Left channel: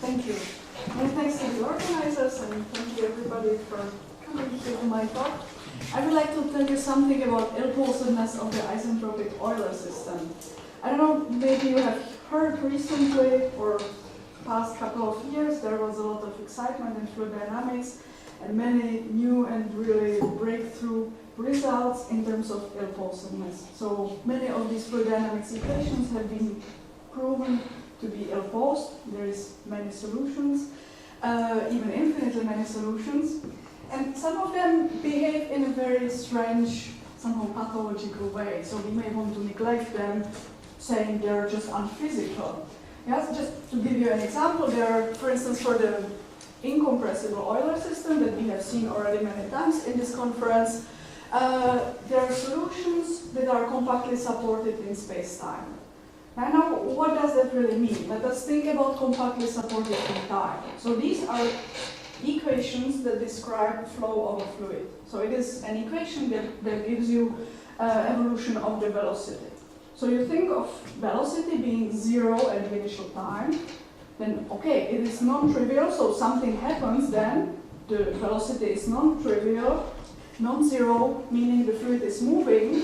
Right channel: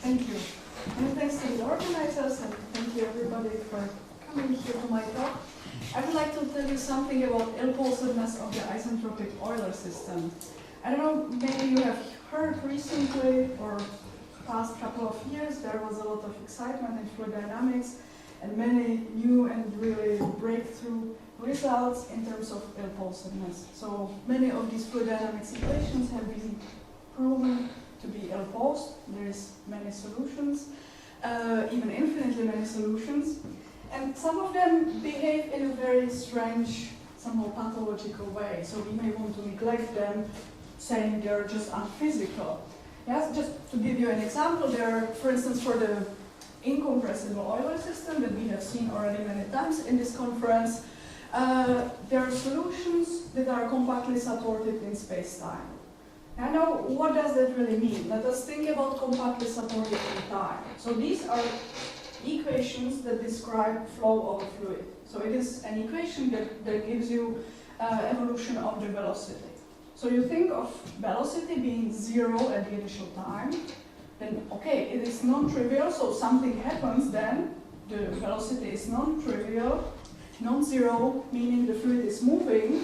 Thank you. And thanks to the organizers, and thank you everybody for coming here to my talk. I would like to tell you something about ill-posedness of the isentropic Euler system. I don't know, maybe you have heard recently or past couple of years there was a lot of excitement in fluid dynamics and many new and really breakthrough results in terms of ill-posedness. So many of these fluid dynamics equations have been proven to be ill-posed. There is many solutions, even infinitely many solutions. And some of them behave in a very strange, somehow pathological way. So we may want to neglect them, saying they're just unphysical. Yes, just to give you an example, there are, for instance, for the incompressible Euler system that we have seen already many times in this conference, there are solutions that are compactly supported in space-time. Now, what does that really mean? Let us think about compactly supported in time. So these are equations that describe flow of a fluid. So it is an equation that gives you evolution of the velocity. So you think of velocity being 0 at the initial time, then okay, it is non-trivial, so something happens then, the velocity is non-trivial, non-zero, meaning the fluid is moving,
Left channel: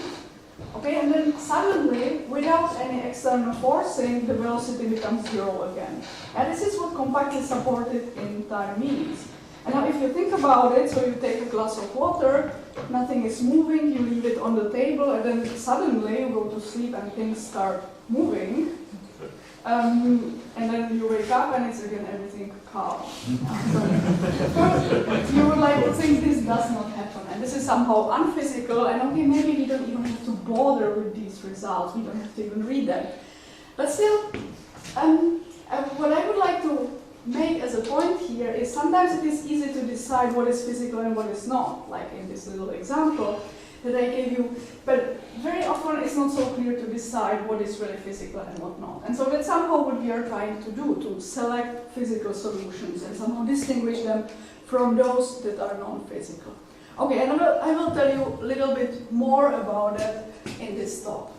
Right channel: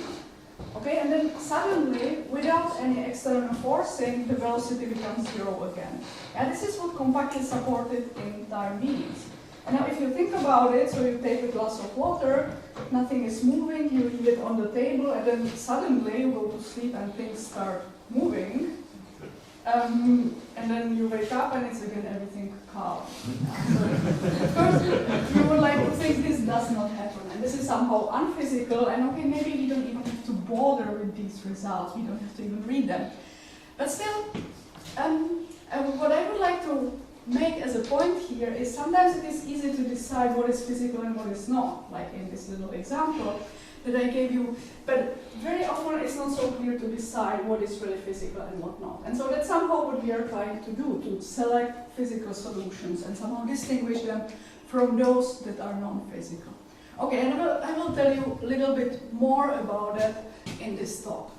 okay, and then suddenly, without any external forcing, the velocity becomes 0 again. And this is what compactly supported in time means. And now if you think about it, so you take a glass of water, nothing is moving, you leave it on the table, and then suddenly you go to sleep and things start moving. And then you wake up and it's again everything calm. First, you would like to think this does not happen, and this is somehow unphysical, and okay, maybe we don't even have to bother with these results, we don't have to even read them. But still, what I would like to make as a point here is sometimes it is easy to decide what is physical and what is not, like in this little example that I gave you, but very often it's not so clear to decide what is really physical and what not. And so that's somehow what we are trying to do, to select physical solutions and somehow distinguish them from those that are non-physical. Okay, and I will tell you a little bit more about that in this talk.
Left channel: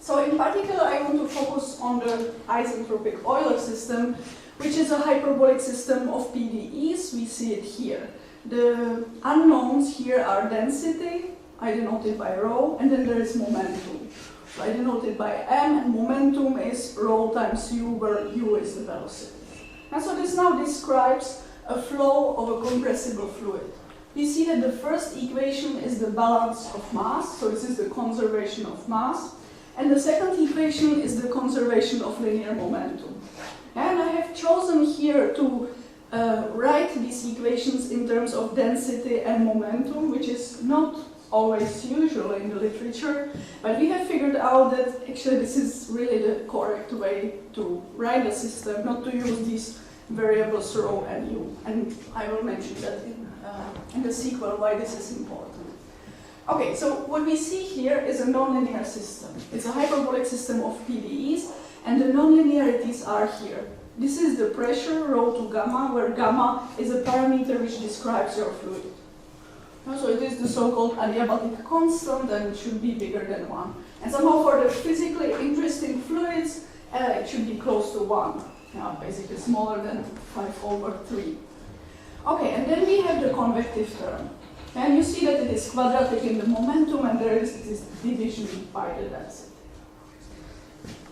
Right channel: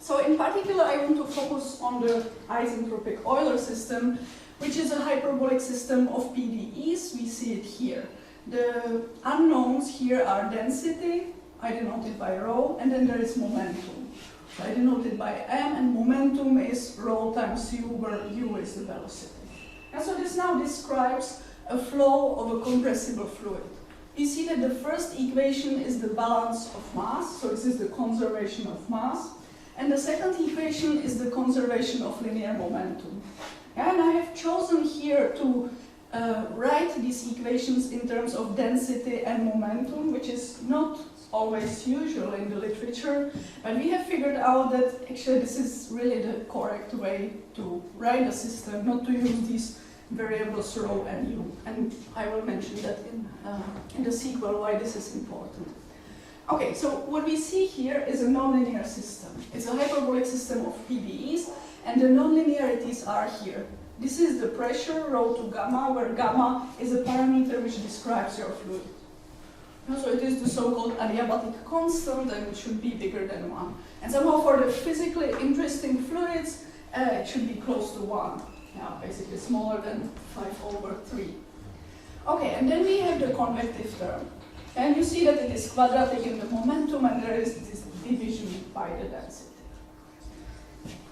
So in particular, I want to focus on the isentropic Euler system, which is a hyperbolic system of PDEs. We see it here. The unknowns here are density, I denote it by rho, and then there is momentum. So I denote it by m, and momentum is rho times u, where u is the velocity. And so this now describes a flow of a compressible fluid. We see that the first equation is the balance of mass, so this is the conservation of mass, and the second equation is the conservation of linear momentum. And I have chosen here to write these equations in terms of density and momentum, which is not always usual in the literature, but we have figured out that actually this is really the correct way to write a system, not to use these variables rho and u. And I will mention that in the sequel why this is important. Okay, so what we see here is a nonlinear system. It's a hyperbolic system of PDEs, and the nonlinearities are here. This is the pressure, rho to gamma, where gamma is a parameter which describes your fluid. So it is the so-called adiabatic constant, and it should be bigger than 1. And somehow for the physically interesting fluids, it should be close to 1. Yeah, basically smaller than 5/3. Okay, and then we have the convective term. And you see that it is quadratic in the momentum, and there is this division by the density.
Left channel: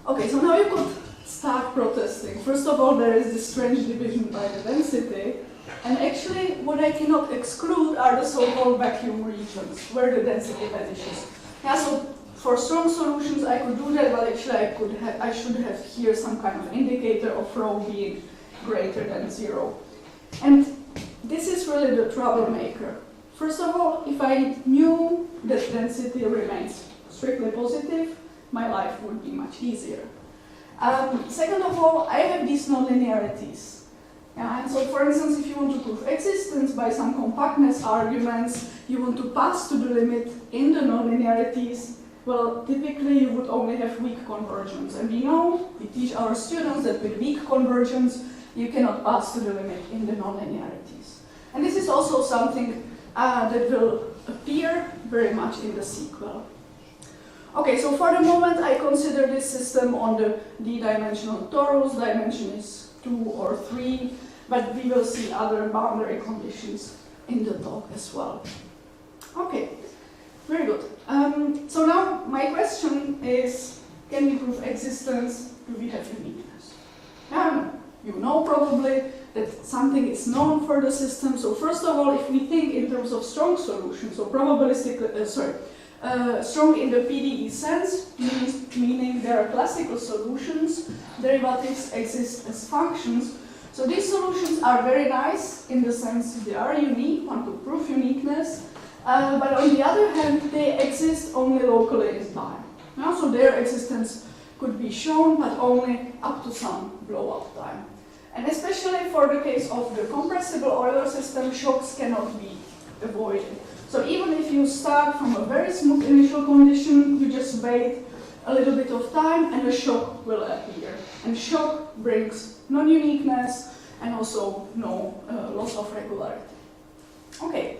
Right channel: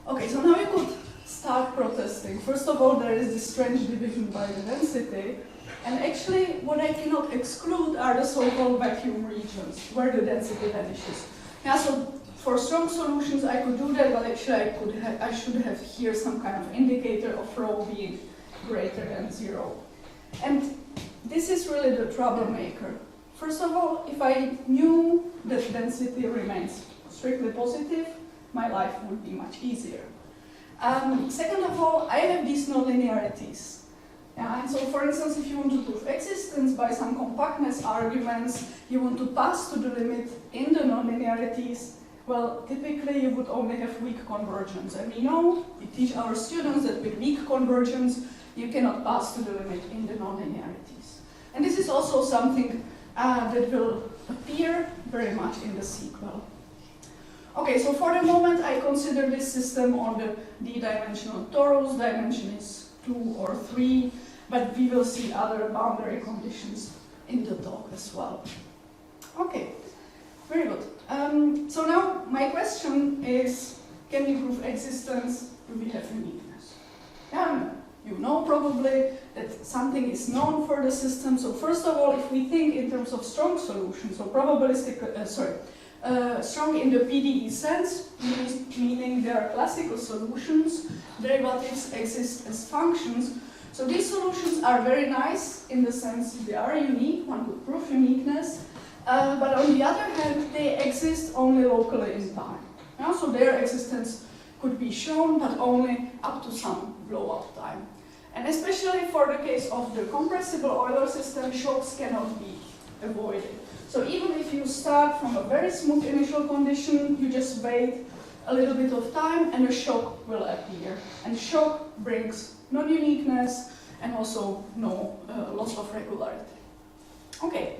Okay, so now you could start protesting. First of all, there is this strange division by the density, and actually what I cannot exclude are the so-called vacuum regions, where the density vanishes. Yeah, so for strong solutions I could do that, but actually I should have here some kind of indicator of rho being greater than 0. And this is really the troublemaker. First of all, if I knew that density remains strictly positive, my life would be much easier. Second of all, I have these nonlinearities. And so, for instance, if you want to prove existence by some compactness arguments, you want to pass to the limit in the nonlinearities, well, typically you would only have weak convergence. And we know, we teach our students that with weak convergence, you cannot pass to the limit in the nonlinearities. And this is also something that will appear very much in the sequel. Okay, so for the moment I consider this system on the d-dimensional torus. Dimension is 2 or 3, but we will see other boundary conditions in the talk as well. Okay, very good. So now my question is, can we prove existence? Do we have uniqueness? You know probably that something is known for the system. So first of all, if we think in terms of strong solutions, so probabilistic, strong in the PDE sense, meaning there are classical solutions, derivatives exist as functions. So these solutions are very nice in the sense they are unique, one could prove uniqueness, but on the other hand, they exist only locally in time. So their existence could be shown, but only up to some blow-up time. And especially for the case of the compressible Euler system, shocks cannot be avoided. So even if you start from a very smooth initial condition, you just wait a little bit of time and a shock will appear. And shock brings non-uniqueness and also no loss of regularity. Okay,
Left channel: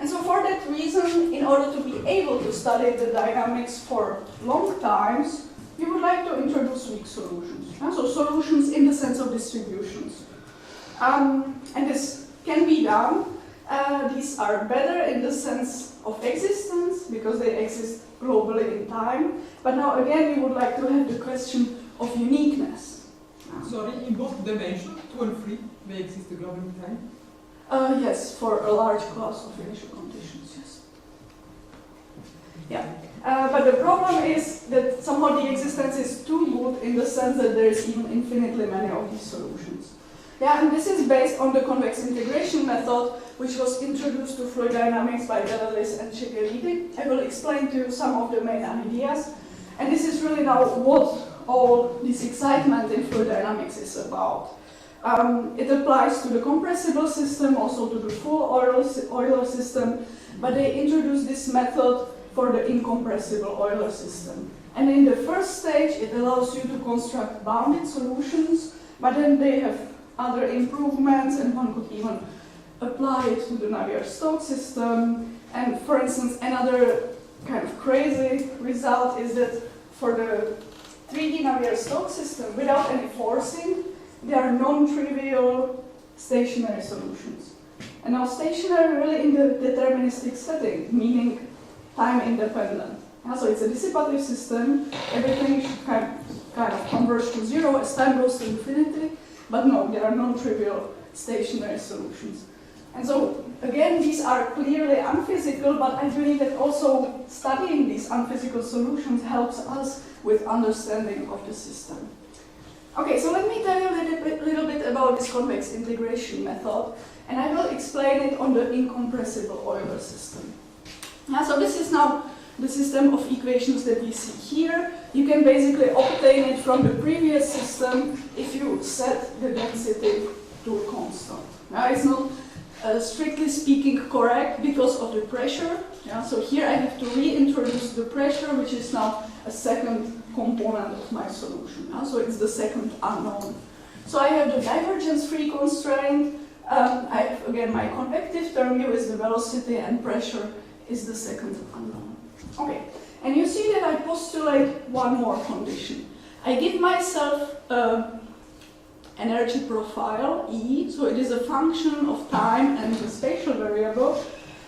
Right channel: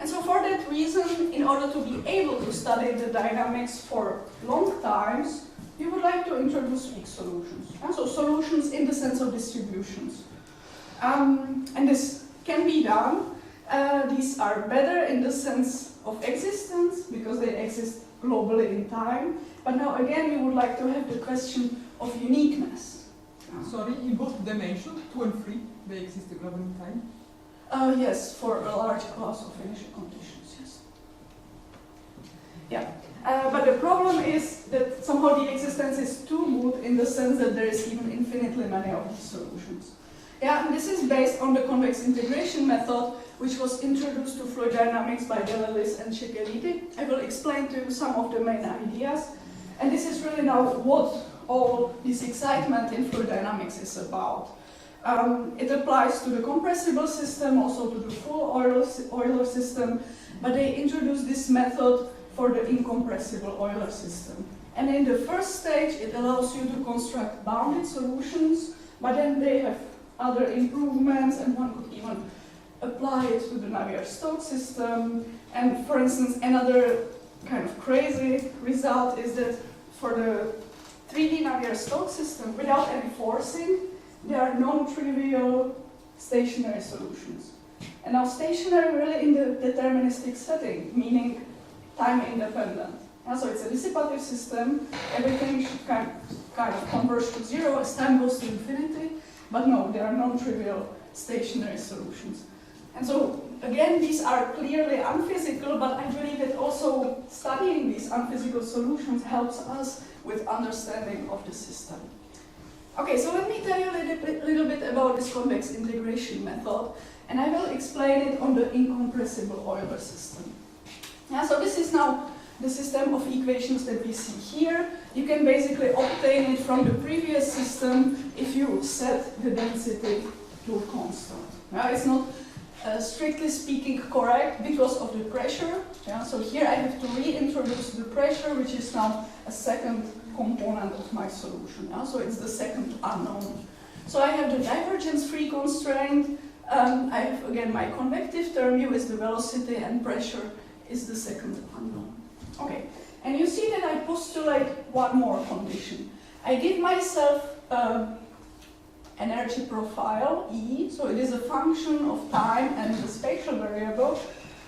and so for that reason, in order to be able to study the dynamics for long times, we would like to introduce weak solutions. So solutions in the sense of distributions. And this can be done. These are better in the sense of existence because they exist globally in time. But now again, we would like to have the question of uniqueness. Sorry, in both dimensions, 2 and 3, they exist globally in time? Yes, for a large class of initial conditions, yes. Yeah. But the problem is that somehow the existence is too good in the sense that there is even infinitely many of these solutions. Yeah, and this is based on the convex integration method, which was introduced to fluid dynamics by Delelis and Cecchini. I will explain to you some of the main ideas. And this is really now what all this excitement in fluid dynamics is about. It applies to the compressible system, also to the full Euler system, but they introduced this method for the incompressible Euler system. And in the first stage, it allows you to construct bounded solutions, but then they have other improvements, and one could even apply it to the Navier-Stokes system. And for instance, another kind of crazy result is that for the 3D Navier-Stokes system, without any forcing, there are non-trivial stationary solutions. And now stationary really in the deterministic setting, meaning time independent. So it's a dissipative system, everything should kind of converge to zero as time goes to infinity, but no, there are non-trivial stationary solutions. And so again, these are clearly unphysical, but I believe that also studying these unphysical solutions helps us with understanding of the system. Okay, so let me tell you a little bit about this convex integration method, and I will explain it on the incompressible Euler system. So this is now the system of equations that we see here. You can basically obtain it from the previous system if you set the density to a constant. Now it's not strictly speaking correct because of the pressure. So here I have to reintroduce the pressure, which is now a second component of my solution. So it's the second unknown. So I have the divergence-free constraint. I have again my convective term here is the velocity, and pressure is the second unknown. Okay, and you see that I postulate one more condition. I give myself energy profile, E, so it is a function of time and the spatial variable.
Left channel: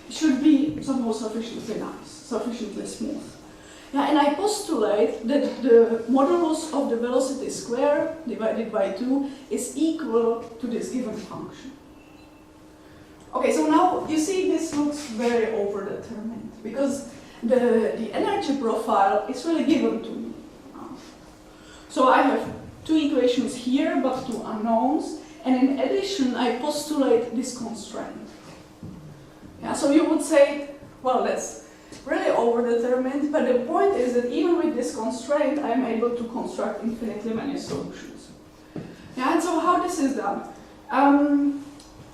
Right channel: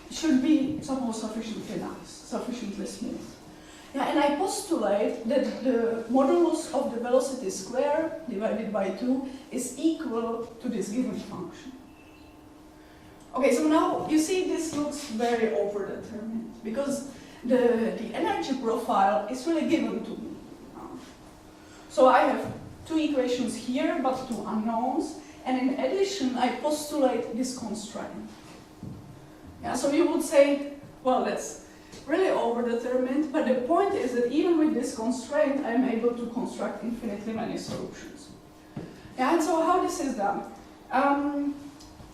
It should be somehow sufficiently nice, sufficiently smooth. And I postulate that the modulus of the velocity square divided by 2 is equal to this given function. Okay, so now you see this looks very overdetermined because the energy profile is really given to me. So I have two equations here, but two unknowns, and in addition I postulate this constraint. So you would say, well, that's really overdetermined, but the point is that even with this constraint I'm able to construct infinitely many solutions. And so how this is done?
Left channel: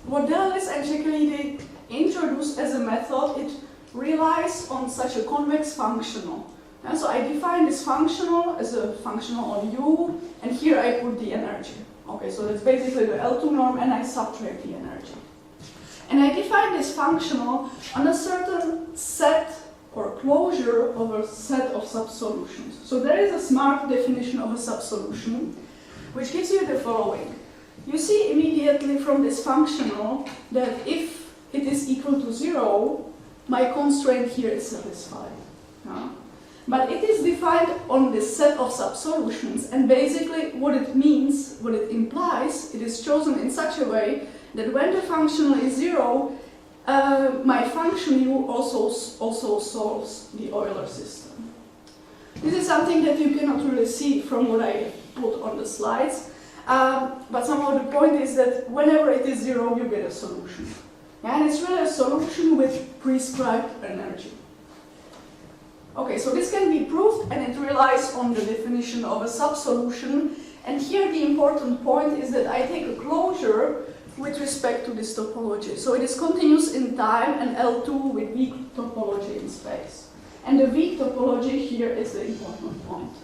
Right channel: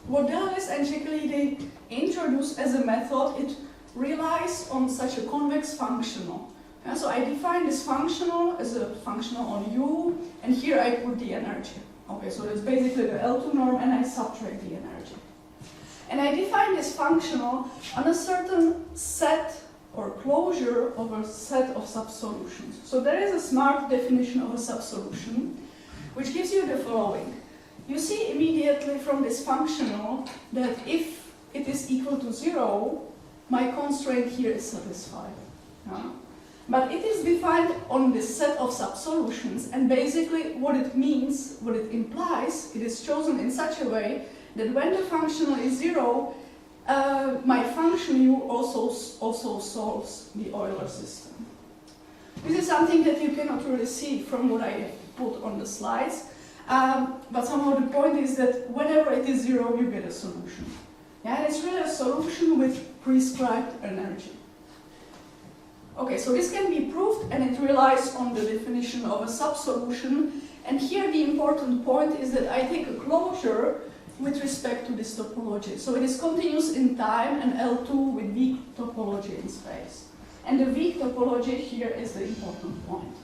What Delelis and Cecchini introduced as a method, it relies on such a convex functional. So I define this functional as a functional on U, and here I put the energy. Okay, so that's basically the L2 norm, and I subtract the energy. And I define this functional on a certain set or closure of a set of subsolutions. So there is a smart definition of a subsolution, which gives you the following. you see immediately from this functional that if it is equal to 0, my constraint here is satisfied. But it is defined on this set of subsolutions, and basically what it means, what it implies, it is chosen in such a way that when the functional is 0, my function u also solves the Euler system. This is something that you cannot really see from what I put on the slides, but somehow the point is that whenever it is 0, you get a solution. And it's really a solution with prescribed energy. Okay, so this can be proved, and it relies on the definition of a subsolution. And here the important point is that I take a closure with respect to this topology. So it is continuous in time and L2 with weak topology in space. And the weak topology here is the important point.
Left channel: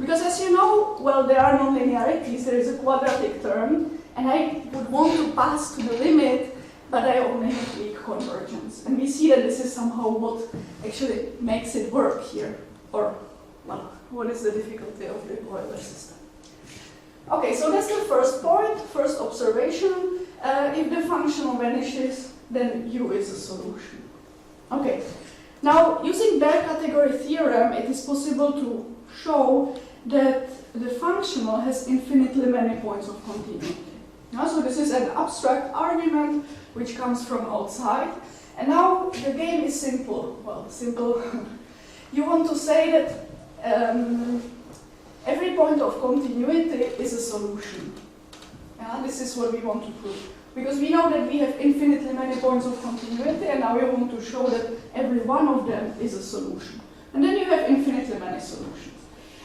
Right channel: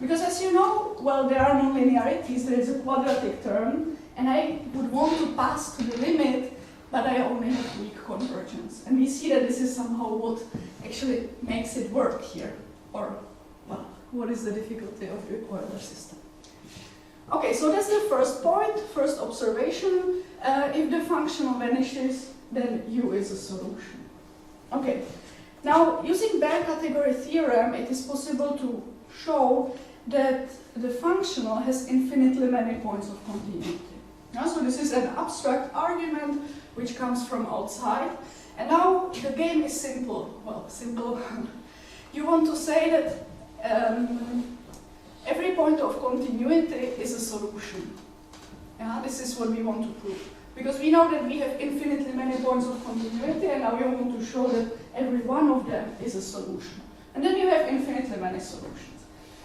Because as you know, well, there are nonlinearities, there is a quadratic term, and I would want to pass to the limit, but I only have weak convergence. And we see that this is somehow what actually makes it work here. Or, well, what is the difficulty of the Euler system? Okay, so that's the first point, first observation. If the functional vanishes, then U is a solution. Okay, now using Baire category theorem, it is possible to show that the functional has infinitely many points of continuity. So this is an abstract argument which comes from outside. And now the game is simple. Well, simple. You want to say that every point of continuity is a solution. This is what we want to prove. Because we know that we have infinitely many points of continuity, and now we want to show that every one of them is a solution. And then you have infinitely many solutions.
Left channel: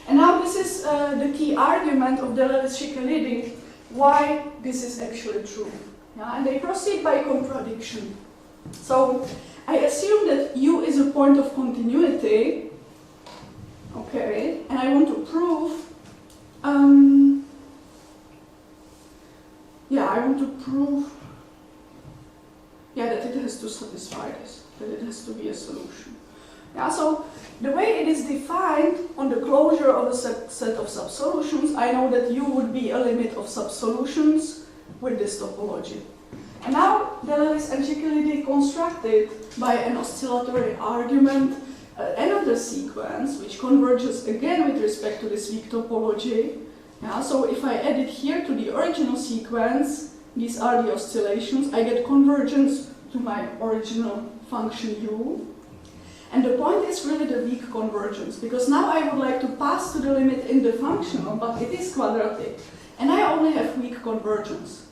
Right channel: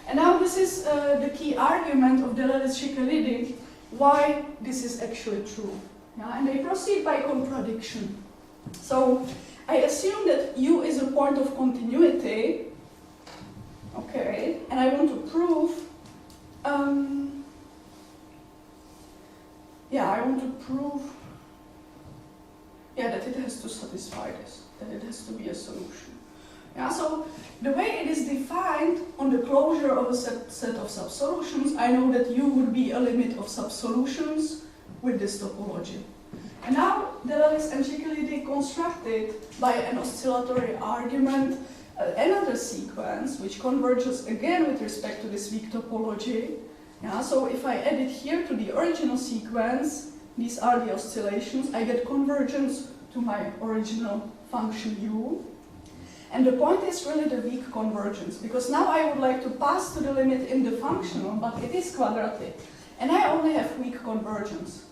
And now this is the key argument of Delahaye-Székely, why this is actually true. And they proceed by contradiction. So I assume that U is a point of continuity, okay, and I want to prove, that it has to satisfy this, that it has to be a solution. So the way it is defined on the closure of a set of subsolutions, I know that U would be a limit of subsolutions with this topology. And now Delahaye and Székely constructed by an oscillatory argument another sequence which converges again with respect to this weak topology. So if I add it here to the original sequence, these are the oscillations, I get convergence to my original function U. And the point is really the weak convergence, because now I would like to pass to the limit in the functional, but it is quadratic, and I only have weak convergence.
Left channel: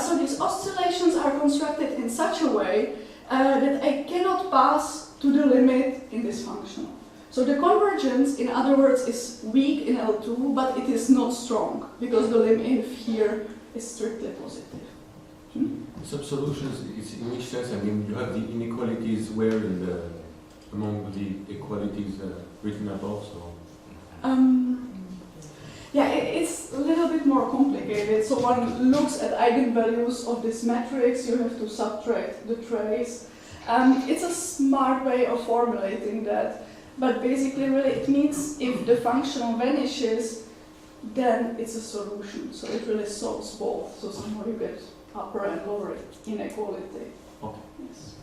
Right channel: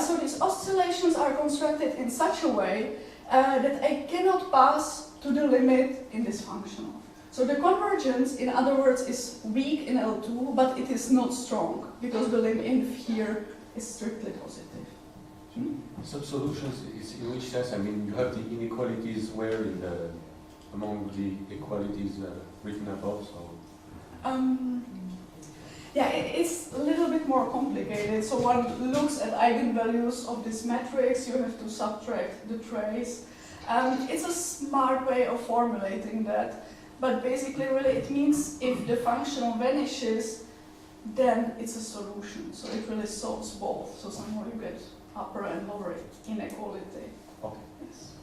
So these oscillations are constructed in such a way that I cannot pass to the limit in this functional. So the convergence, in other words, is weak in L2, but it is not strong, because the limit here is strictly positive. Subsolutions is in which sense? I mean, you have the inequalities where in the among the equalities written above. So. It's a little bit more complicated. So one looks at eigenvalues of this matrix. You have to subtract the trace. It's a smart way of formulating that. But basically, really, it means if the functional vanishes, then it's a solution. So it really solves both. So somehow you get upper and lower inequality. Okay. Yes.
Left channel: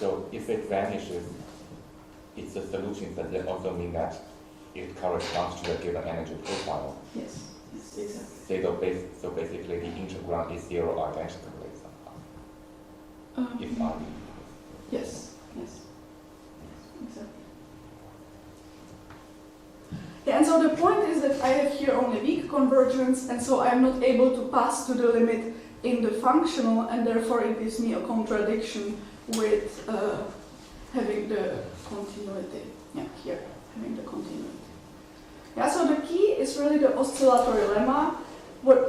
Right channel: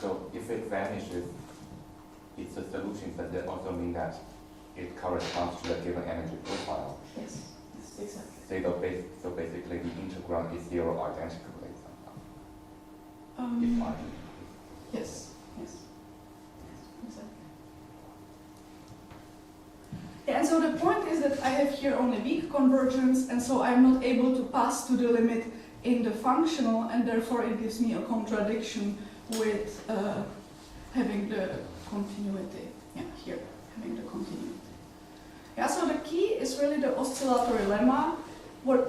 So if it vanishes, it's a solution, but that also means that it corresponds to a given energy profile. Yes, exactly. So basically the integral is zero identically somehow. Yes, exactly. And so the point is that I have here only weak convergence, and so I'm not able to pass to the limit in the functional, and therefore it gives me a contradiction with having the continuity. Here, having the continuity. So the key is really the oscillatory lemma.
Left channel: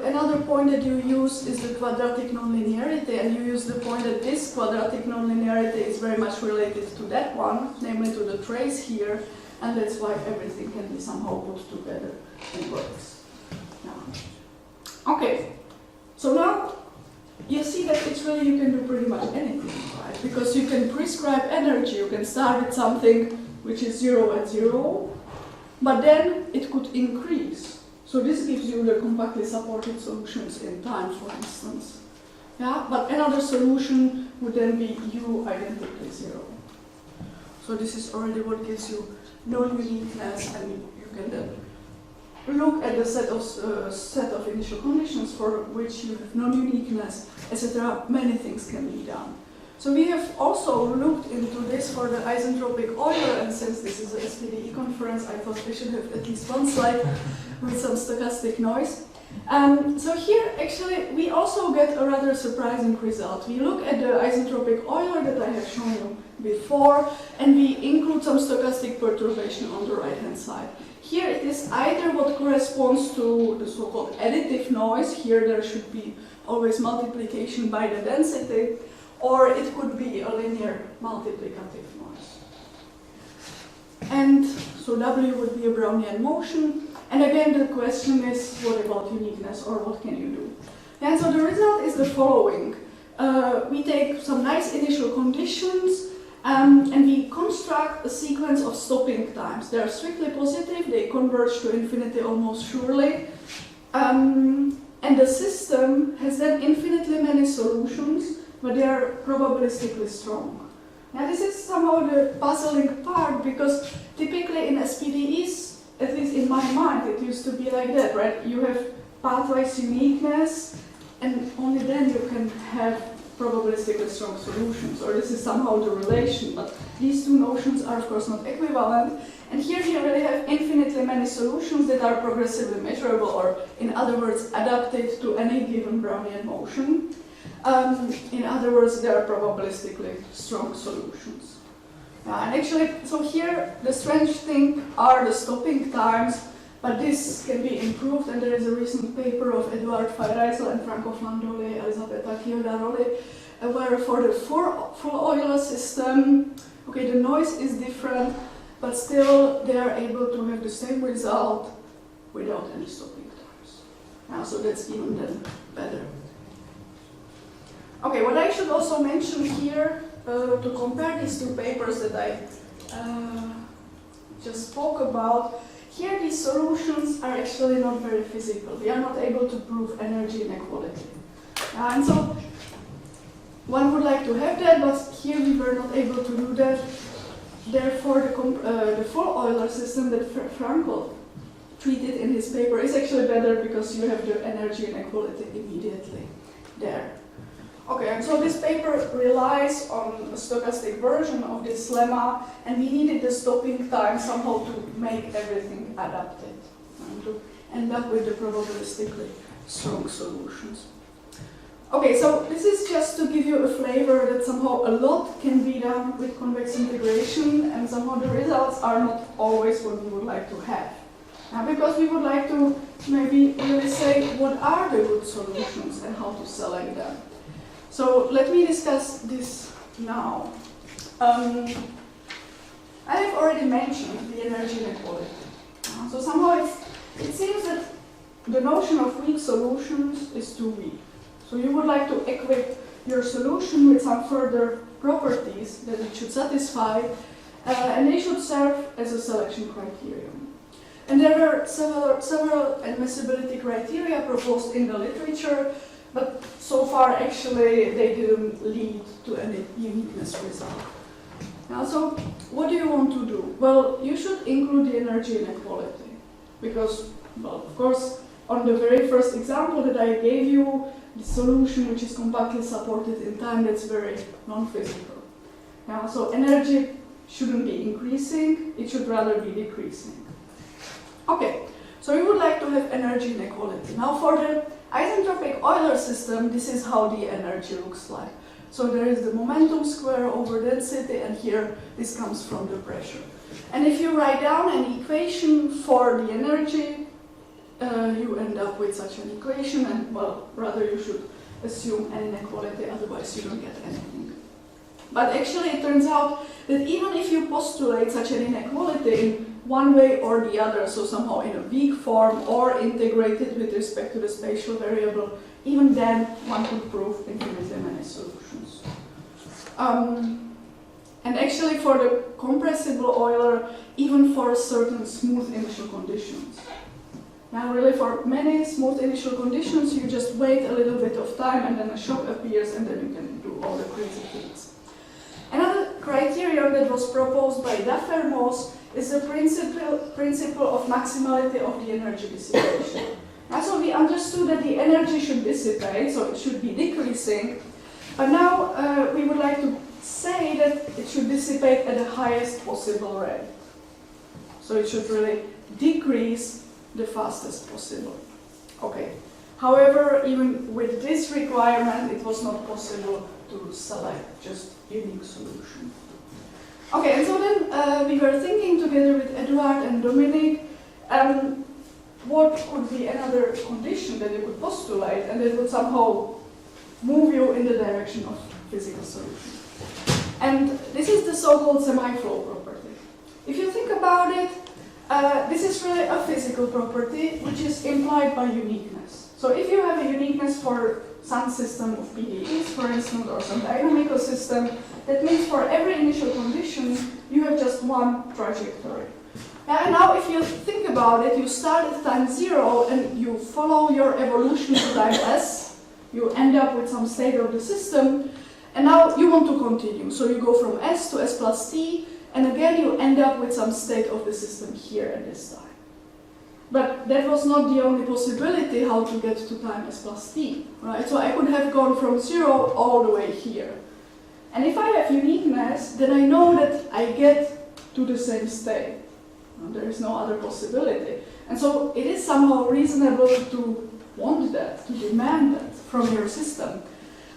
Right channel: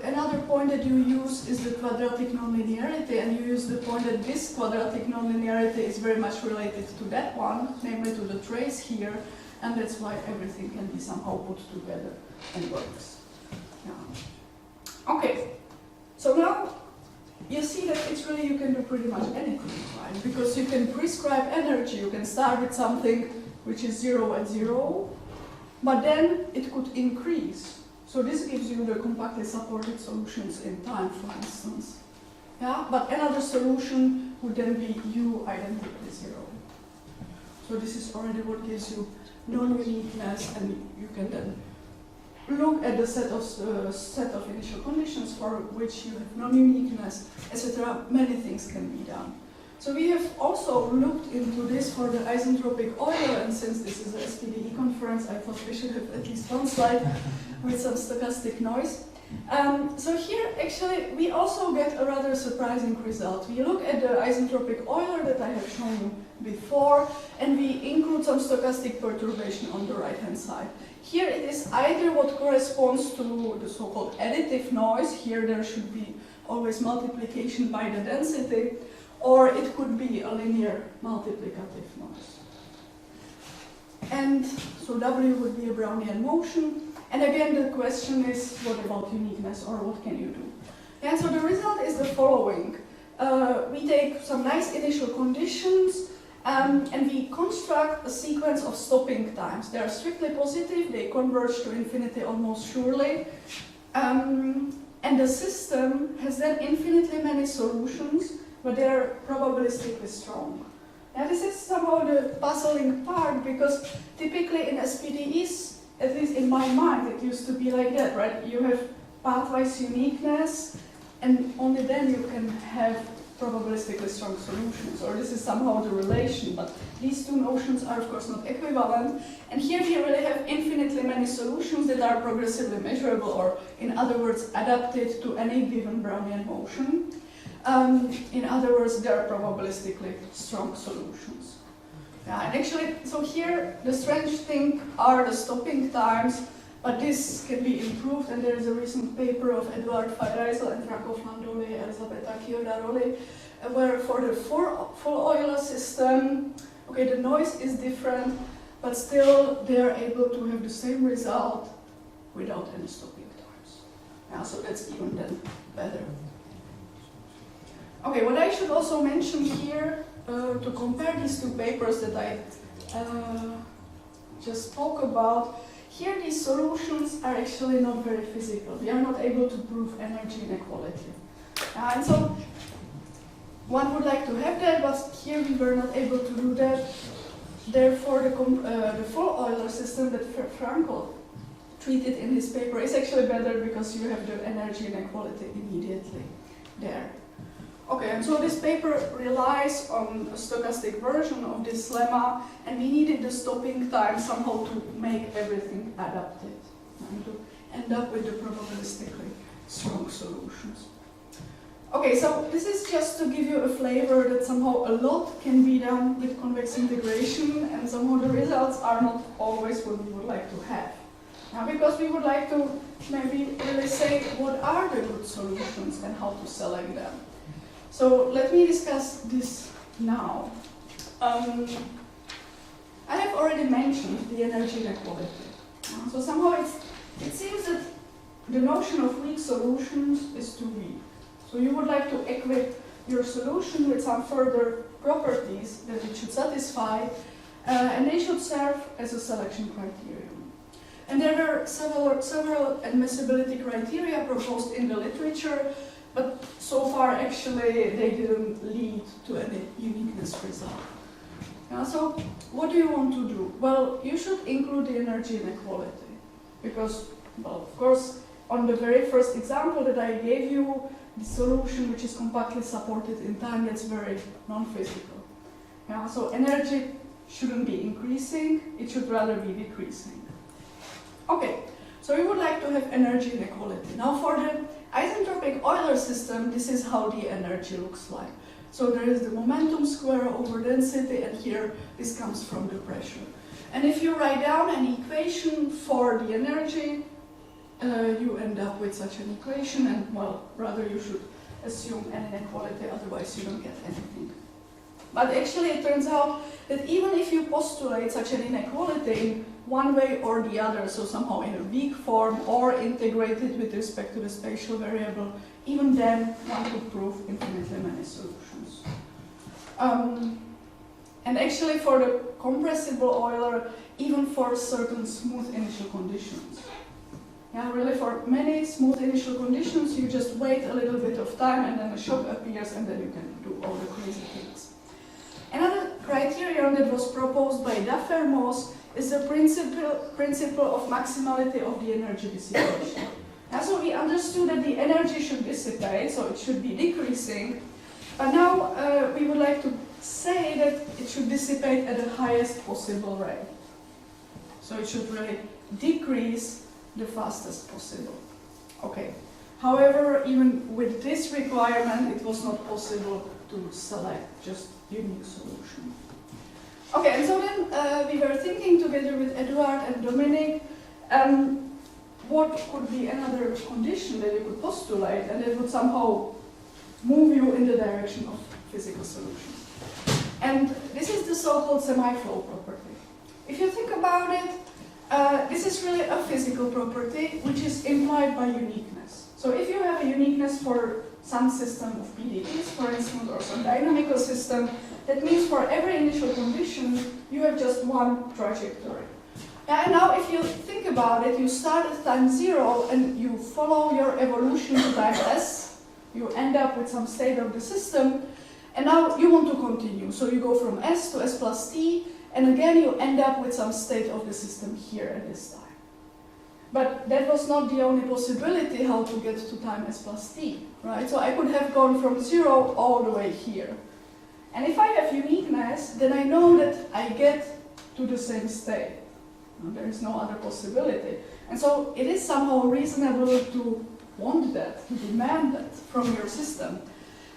Another point that you use is the quadratic nonlinearity, and you use the point that this quadratic nonlinearity is very much related to that one, namely to the trace here, and that's why everything can be somehow put together and works. Okay, so now you see that it's really, you can do pretty much anything, right? Because you can prescribe energy, you can start with something which is 0 at 0, but then it could increase. So this gives you the compactly supported solutions in time, for instance. Yeah, but another solution would then be U identically 0. So this is already what gives you non-uniqueness, and you can then look at the set of initial conditions for which you have non-uniqueness, etc. Many things can be done. So we have also looked into this for the isentropic Euler, and since this is a SPDE conference, I thought we should have at least one slide with some stochastic noise. So here, actually, we also get a rather surprising result. We look at the isentropic Euler that I have shown you before, and we include some stochastic perturbation on the right-hand side. Here it is either what corresponds to the so-called additive noise. Here there should be always multiplication by the density, or it could be a linear multiplicative noise. And so W would be a Brownian motion. And again, the question is, what about uniqueness, or what can you do? And so the result is the following. We take some nice initial conditions, and we construct a sequence of stopping times. They are strictly positive, they converge to infinity almost surely. And the system has then infinitely many solutions, but they are probabilistically strong. Now this is somehow the puzzling part, because typically in SPDEs, at least in my mind, it used to be like that, right? You have pathwise uniqueness, and only then you can have probabilistically strong solutions, or this is somehow the relation, but these two notions are of course not equivalent. And here we really have infinitely many solutions that are progressively measurable, or in other words, adapted to any given Brownian motion. In other words, they are probabilistically strong solutions. And actually, so here the strange thing are the stopping times, but this can be improved, and there is a recent paper of Eduard Feyreisel and Franco Flandoli, Elisabetta Chiudaroli, where for the full Euler system, okay, the noise is different, but still they are able to have the same result without any stopping times. So that's even then better. Okay, what I should also mention here, to compare these two papers that I just spoke about, here these solutions are actually not very physical. We are not able to prove energy inequality. And so one would like to have that, but here we were not able to do that. Therefore, the full Euler system that Franco treated in his paper is actually better, because you have the energy inequality immediately there. Okay, and so this paper relies on a stochastic version of this lemma, and we needed the stopping time somehow to make everything adapted and to end up with the probabilistically strong solutions. Okay, so this is just to give you a flavor that somehow a lot can be done with convex integration, and somehow the results are not always what we would like to have. Because we would like to maybe really say what are the good solutions and how to select them. So let me discuss this now. I have already mentioned the energy inequality. So somehow it seems that the notion of weak solutions is too weak. So you would like to equip your solution with some further properties that it should satisfy, and they should serve as a selection criterion. And there were several admissibility criteria proposed in the literature, but so far actually they didn't lead to any uniqueness result. Now, so what do you want to do? Well, you should include the energy inequality, because, well, of course, on the very first example that I gave you, the solution which is compactly supported in time, that's very non-physical. Yeah, so energy shouldn't be increasing, it should rather be decreasing. Okay, so we would like to have energy inequality. Now for the isentropic Euler system, this is how the energy looks like. So there is the momentum square over density, and here this comes from the pressure. And if you write down an equation for the energy, you end up with such an equation, and well, rather you should assume an inequality, otherwise you don't get anything. But actually it turns out that even if you postulate such an inequality in one way or the other, so somehow in a weak form or integrated with respect to the spatial variable, even then one could prove infinitely many solutions. And actually for the compressible Euler, even for certain smooth initial conditions. Now, really, for many smooth initial conditions, you just wait a little bit of time and then a shock appears and then you can do all the crazy things. Another criterion that was proposed by defects is the principle of maximality of the energy dissipation. And so we understood that the energy should dissipate, so it should be decreasing. But now we would like to say that it should dissipate at the highest possible rate. So it should really decrease the fastest possible. Okay. However, even with this requirement, it was not possible to select just unique solution. Okay, and so then we were thinking together with Eduard and Dominic what could be another condition that you could postulate and that would somehow move you in the direction of physical solution. And this is the so-called semiflow property. If you think about it, this is really a physical property which is implied by uniqueness. So if you have a uniqueness for some system of PDEs, for instance, or some dynamical system, that means for every initial condition, you have just one trajectory. And now if you think about it, you start at time 0 and you follow your evolution to time s, you end up with some state of the system, and now you want to continue. So you go from s to s plus t, and again you end up with some state of the system here at this time. But that was not the only possibility how to get to time s plus t, right? So I could have gone from 0 all the way here. And if I have uniqueness, then I know that I get to the same state. There is no other possibility. And so it is somehow reasonable to want that, to demand that from your system.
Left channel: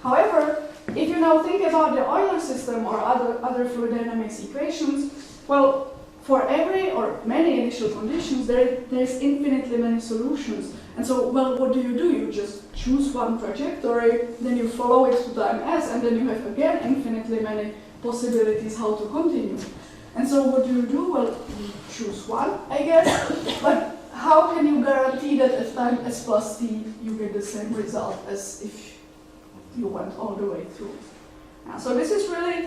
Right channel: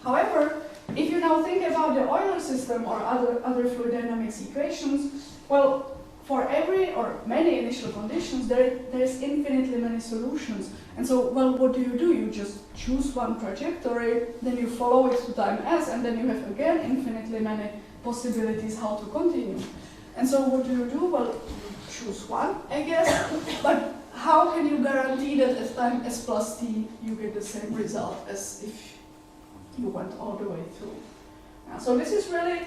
However, if you now think about the Euler system or other fluid dynamics equations, well, for every or many initial conditions, there is infinitely many solutions. And so, well, what do? You just choose one trajectory, then you follow it to time s, and then you have again infinitely many possibilities how to continue. And so what do? Well, you choose one, I guess, but how can you guarantee that at time s plus t you get the same result as if you went all the way through? So this is really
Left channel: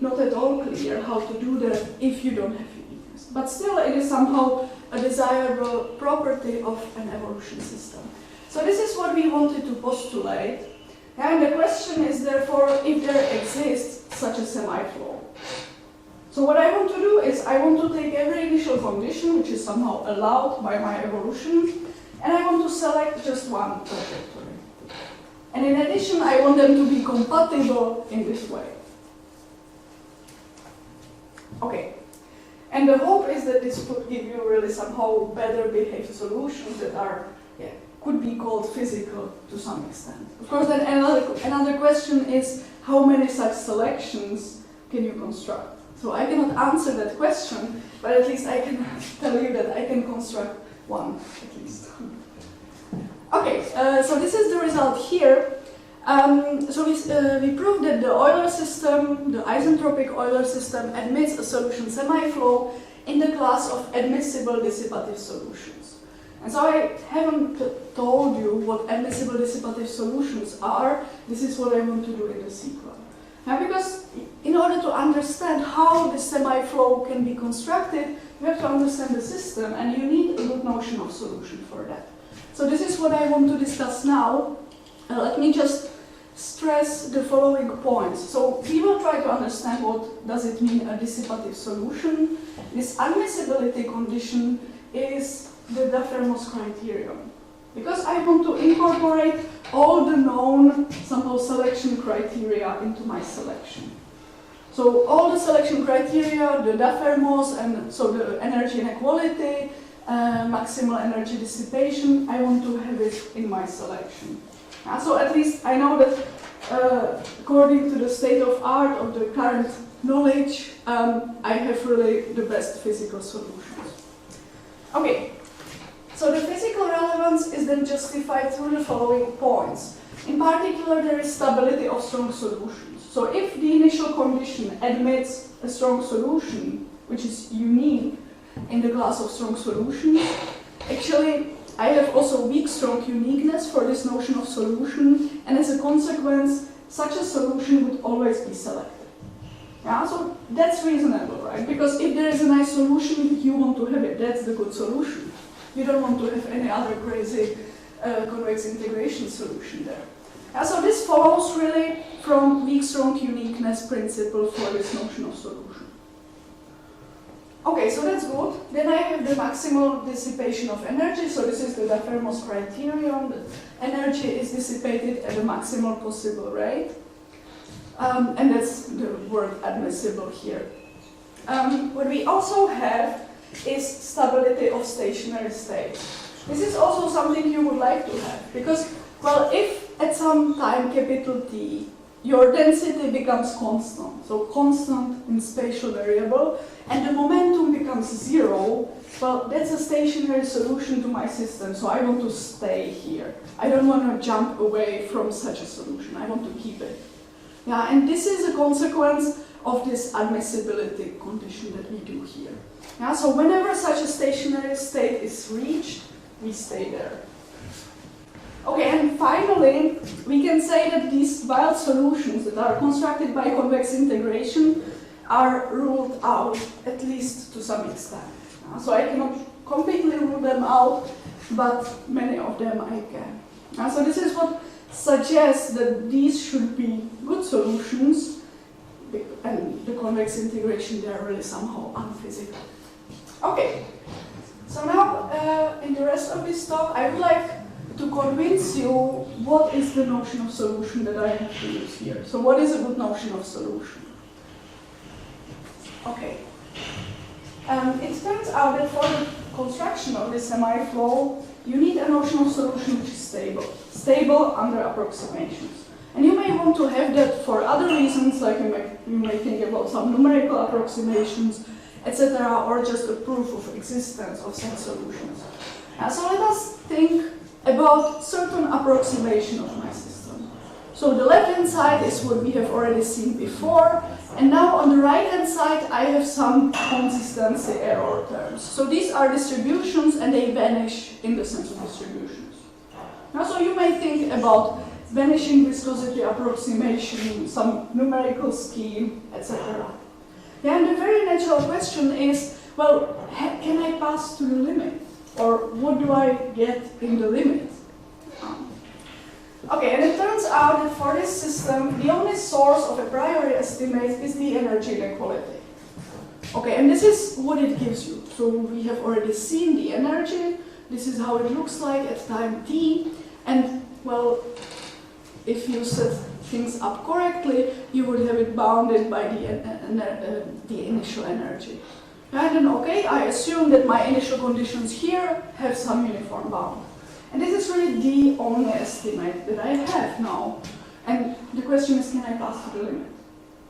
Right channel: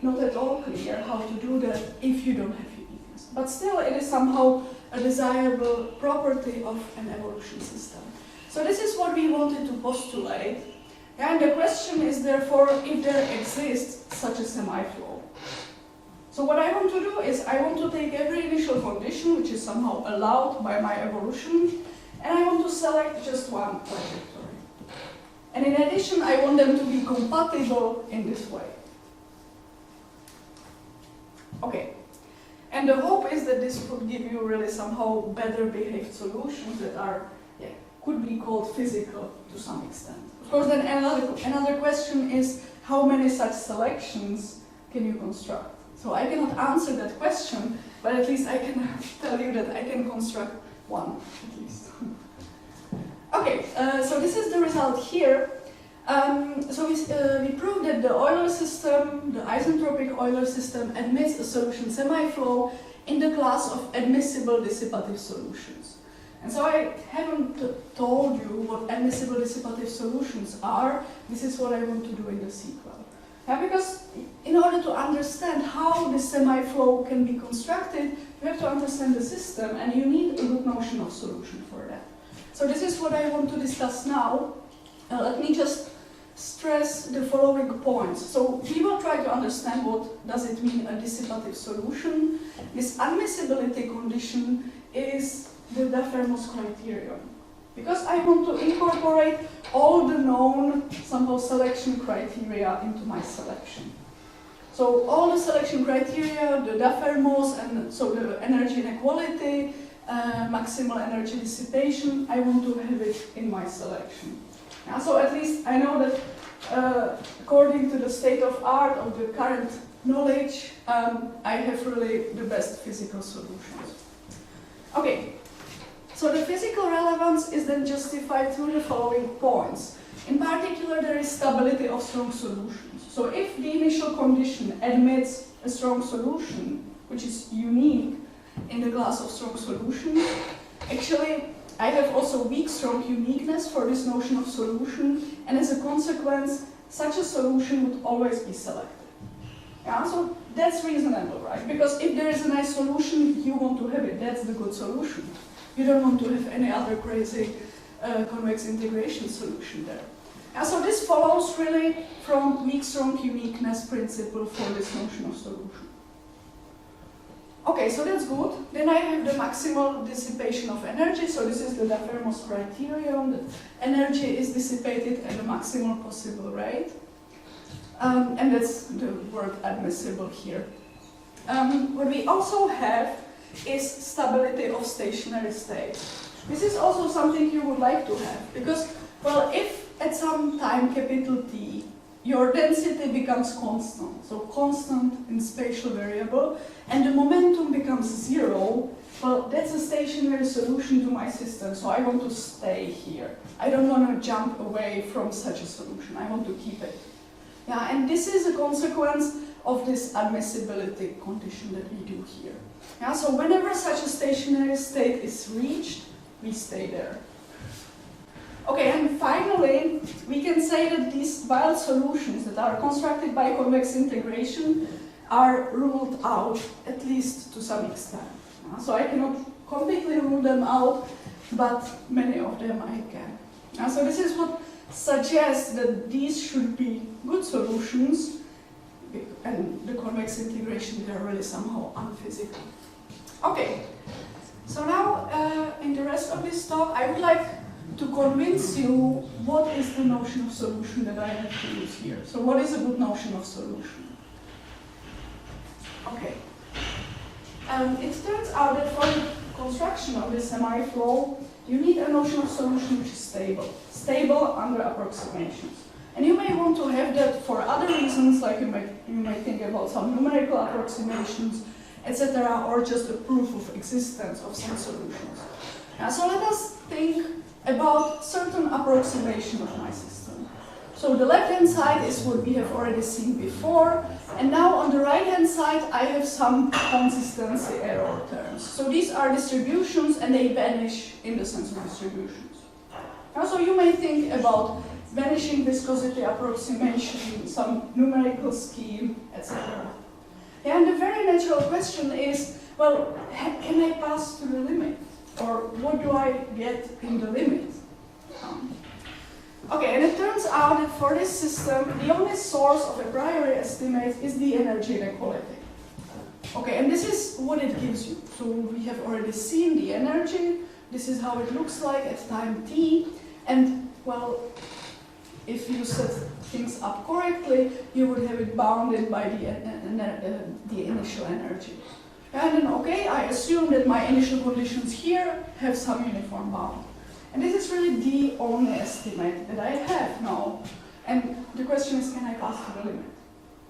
not at all clear how to do that if you don't have uniqueness. But still, it is somehow a desirable property of an evolution system. So this is what we wanted to postulate. And the question is, therefore, if there exists such a semiflow. So what I want to do is I want to take every initial condition which is somehow allowed by my evolution, and I want to select just one trajectory. And in addition, I want them to be compatible in this way. Okay. And the hope is that this could give you really somehow better behaved solutions that are, could be called physical to some extent. Of course, then another question is how many such selections can you construct? So I cannot answer that question, but at least I can tell you that I can construct one, at least. Okay, so this is the result here. So we proved that the Euler system, the isentropic Euler system, admits a solution semiflow in the class of admissible dissipative solutions. And so I haven't told you what admissible dissipative solutions are. This is what I want to do in the sequel. Now, because in order to understand how this semiflow can be constructed, you have to understand the system, and you need a good notion of solution for that. So this is what I want to discuss now. Let me just stress the following points. So we will try to understand what does it mean a dissipative solution. This admissibility condition is the defects criterion. Because I want to incorporate all the known somehow selection criteria into my selection. So all the selection criteria, the defects, and so the energy inequality, maximal energy dissipation, I want to have it in my selection. So at least I know that according to the state of art of the current knowledge, I have really the best physical solutions. Okay, so the physical relevance is then justified through the following points. In particular, there is stability of strong solutions. So if the initial condition admits a strong solution, which is unique in the class of strong solutions, actually I have also weak strong uniqueness for this notion of solution, and as a consequence, such a solution would always be selected. So that's reasonable, right? Because if there is a nice solution, you want to have it. That's the good solution. You don't want to have any other crazy convex integration solution there. So this follows really from weak-strong uniqueness principle for this notion of solution. Okay, so that's good. Then I have the maximal dissipation of energy. So this is the Lafermo's criterion. That energy is dissipated at the maximal possible rate. And that's the word admissible here. What we also have is stability of stationary state. This is also something you would like to have, because, well, if at some time capital T, your density becomes constant, so constant in spatial variable, and the momentum becomes zero, well, that's a stationary solution to my system, so I want to stay here. I don't want to jump away from such a solution, I want to keep it. Yeah, and this is a consequence of this admissibility condition that we do here. Yeah, so whenever such a stationary state is reached, we stay there. Okay, and finally, we can say that these wild solutions that are constructed by convex integration are ruled out, at least to some extent. So I cannot completely rule them out, but many of them I can. So this is what suggests that these should be good solutions, and the convex integration, they are really somehow unphysical. Okay, so now in the rest of this talk, I would like to convince you what is the notion of solution that I have to use here. So what is a good notion of solution? Okay. It turns out that for the construction of this semiflow, you need a notion of solution which is stable. Stable under approximations. And you may want to have that for other reasons, like you may think about some numerical approximations, etc., or just a proof of existence of some solutions. So let us think about certain approximation of my system. So the left-hand side is what we have already seen before, and now on the right-hand side I have some consistency error terms. So these are distributions and they vanish in the sense of distributions. Now, so you may think about vanishing viscosity approximation, some numerical scheme, etc. Yeah, and the very natural question is, well, can I pass to the limit? Or what do I get in the limit? Okay, and it turns out that for this system, the only source of a priori estimate is the energy inequality. Okay, and this is what it gives you. So we have already seen the energy. This is how it looks like at time t. And, well, if you set things up correctly, you would have it bounded by the initial energy. And then, okay, I assume that my initial conditions here have some uniform bound. And this is really the only estimate that I have now. And the question is, can I pass to the limit?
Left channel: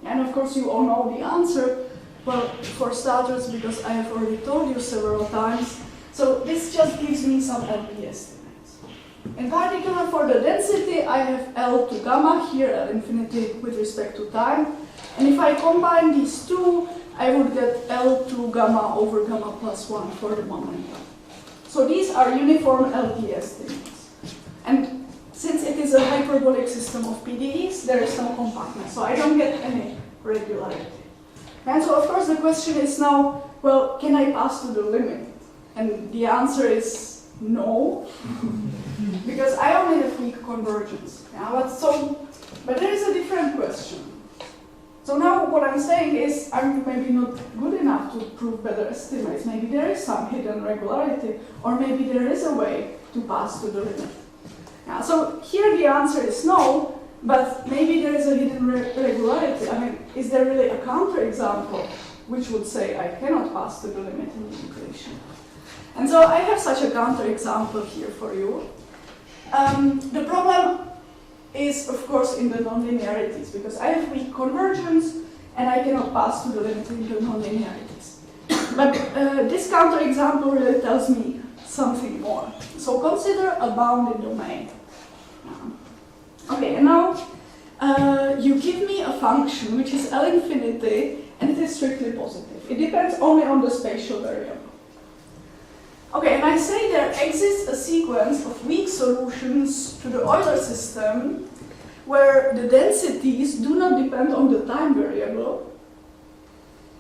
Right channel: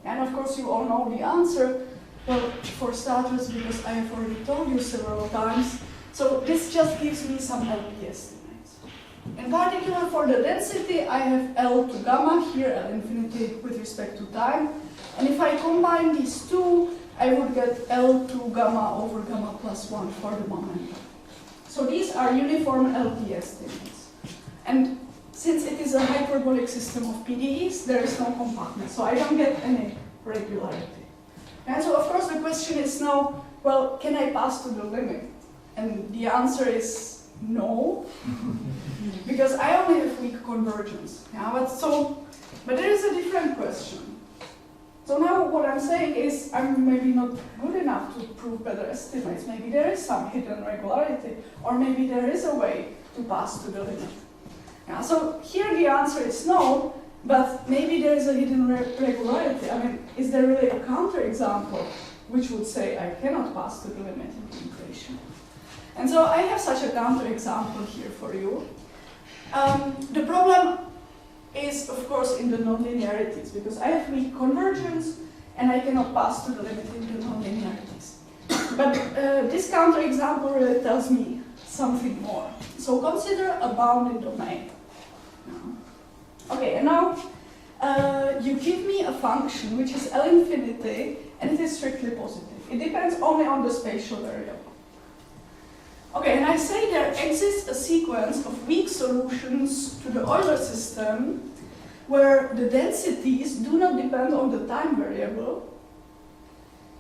And of course, you all know the answer. Well, for starters, because I have already told you several times. So this just gives me some LP estimates. In particular, for the density, I have L to gamma here, L infinity with respect to time. And if I combine these two, I would get L to gamma over gamma plus 1 for the momentum. So these are uniform LP estimates. And since it is a hyperbolic system of PDEs, there is no compactness, so I don't get any regularity. And so of course the question is now, well, can I pass to the limit? And the answer is no, because I only have weak convergence. Yeah, but there is a different question. So now what I'm saying is I'm maybe not good enough to prove better estimates. Maybe there is some hidden regularity, or maybe there is a way to pass to the limit. Yeah, so here the answer is no, but maybe there is a hidden regularity. I mean, is there really a counterexample which would say I cannot pass to the limit in the equation? And so I have such a counterexample here for you. The problem is, of course, in the nonlinearities, because I have weak convergence and I cannot pass to the limit in the nonlinearities. But this counterexample really tells me something more. So consider a bounded domain. Okay, and now you give me a function which is L infinity and it is strictly positive. It depends only on the spatial variable. Okay, and I say there exists a sequence of weak solutions to the Euler system where the densities do not depend on the time variable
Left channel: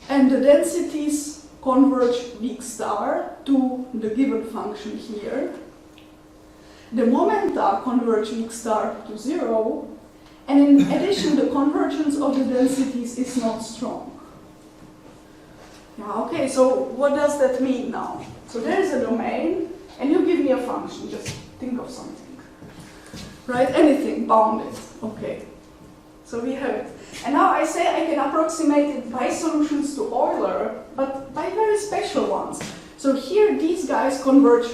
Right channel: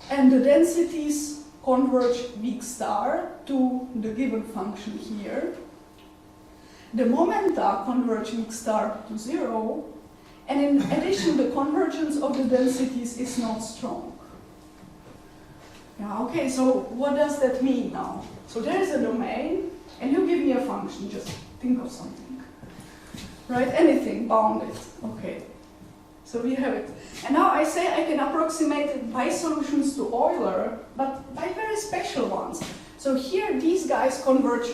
and the densities converge weak star to the given function here. The momenta converge weak star to 0, and in addition, the convergence of the densities is not strong. Yeah, okay, so what does that mean now? So there is a domain, and you give me a function, just think of something. Right, anything, bounded, okay. So we have it. And now I say I can approximate it by solutions to Euler, but by very special ones. So here these guys converge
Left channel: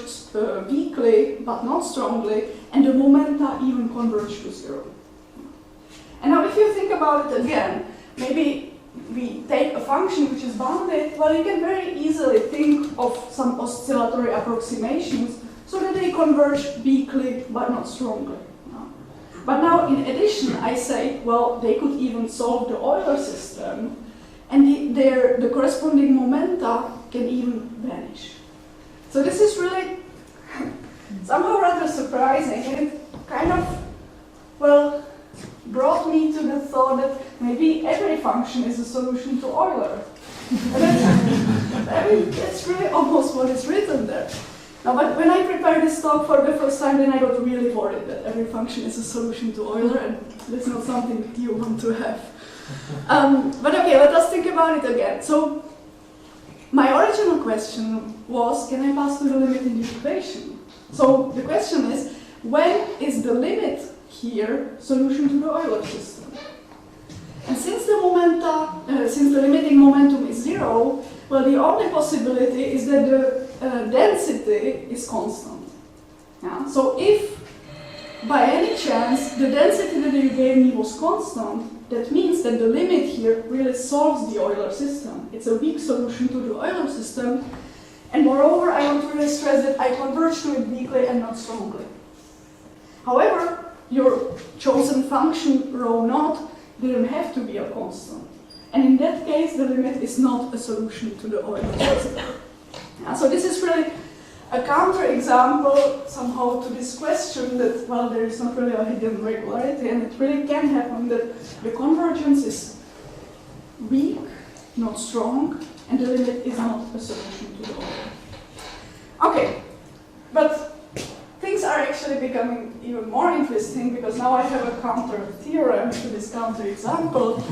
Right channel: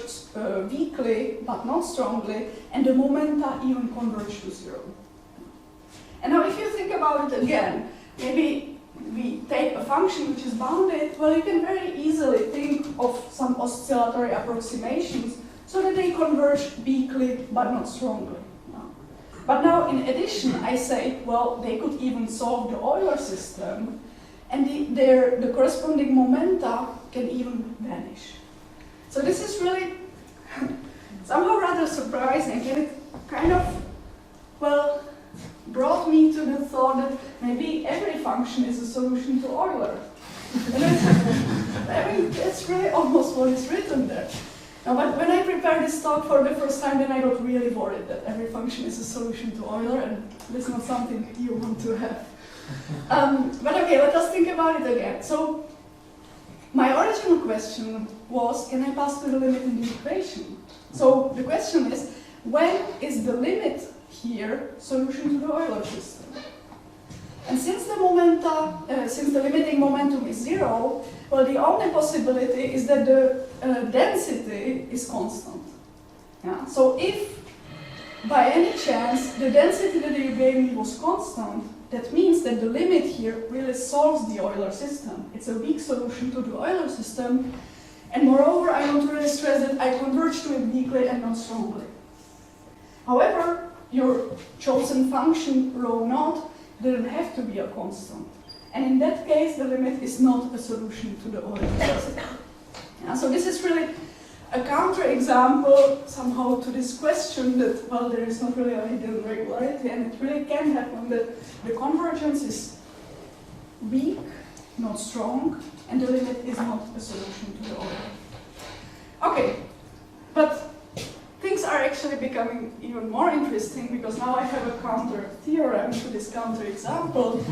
weakly, but not strongly, and the momenta even converge to 0. And now if you think about it again, maybe we take a function which is bounded, well, you can very easily think of some oscillatory approximations so that they converge weakly, but not strongly. But now, in addition, I say, well, they could even solve the Euler system, and the corresponding momenta can even vanish. So this is really somehow rather surprising, and it kind of, well, brought me to the thought that maybe every function is a solution to Euler. I mean, that's really almost what is written there. Now, but when I prepared this talk for the first time, then I got really worried that every function is a solution to Euler, and that's not something you want to have. But okay, let us think about it again. So, my original question was, can I pass to the limit in the equation? So, the question is, when is the limit here solution to the Euler system? And since the limiting momentum is 0, well, the only possibility is that the density is constant. Yeah? So if, by any chance, the density that you gave me was constant, that means that the limit here really solves the Euler system. It's a weak solution to the Euler system, and moreover, I want to really stress that I converge to it weakly and not strongly. However, your chosen function, rho naught, didn't have to be a constant. And in that case, the limit is not a solution to the Euler system. Yeah, so this is really a counterexample somehow to this question that, well, there is not really a hidden regularity, and it really can happen that the convergence is weak, not strong, and the limit is not a solution to the Euler. Okay, but things are actually becoming even more interesting because now I have a counter theorem to this counterexample.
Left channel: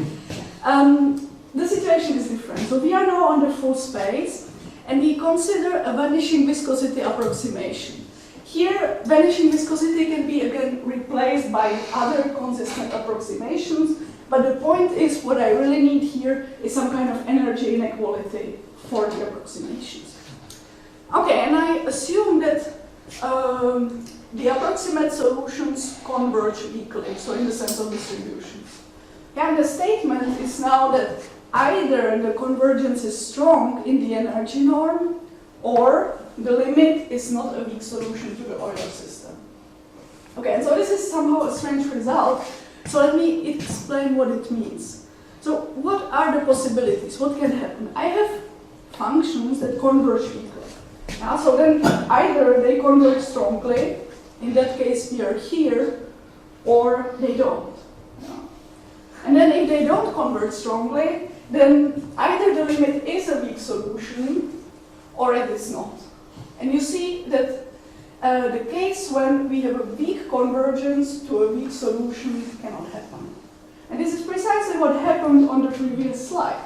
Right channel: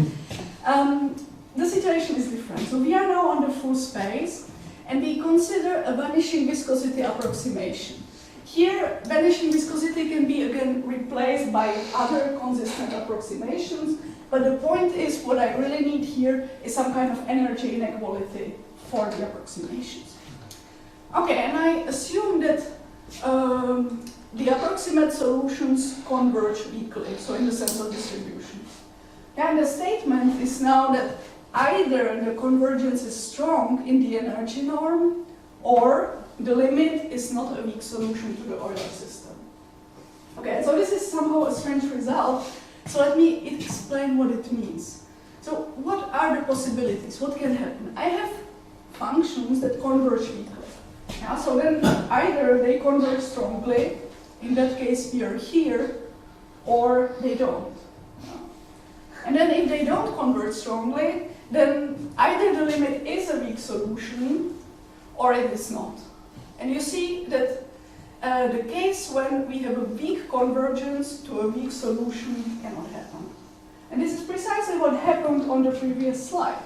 The situation is different. So we are now on the full space, and we consider a vanishing viscosity approximation. Here, vanishing viscosity can be again replaced by other consistent approximations, but the point is what I really need here is some kind of energy inequality for the approximations. Okay, and I assume that the approximate solutions converge weakly, so in the sense of distribution. And the statement is now that either the convergence is strong in the energy norm, or the limit is not a weak solution to the Euler system. Okay, and so this is somehow a strange result, so let me explain what it means. So what are the possibilities? What can happen? I have functions that converge weakly. So then either they converge strongly, in that case we are here, or they don't. And then if they don't converge strongly, then either the limit is a weak solution, or it is not. And you see that the case when we have a weak convergence to a weak solution cannot happen. And this is precisely what happened on the previous slide,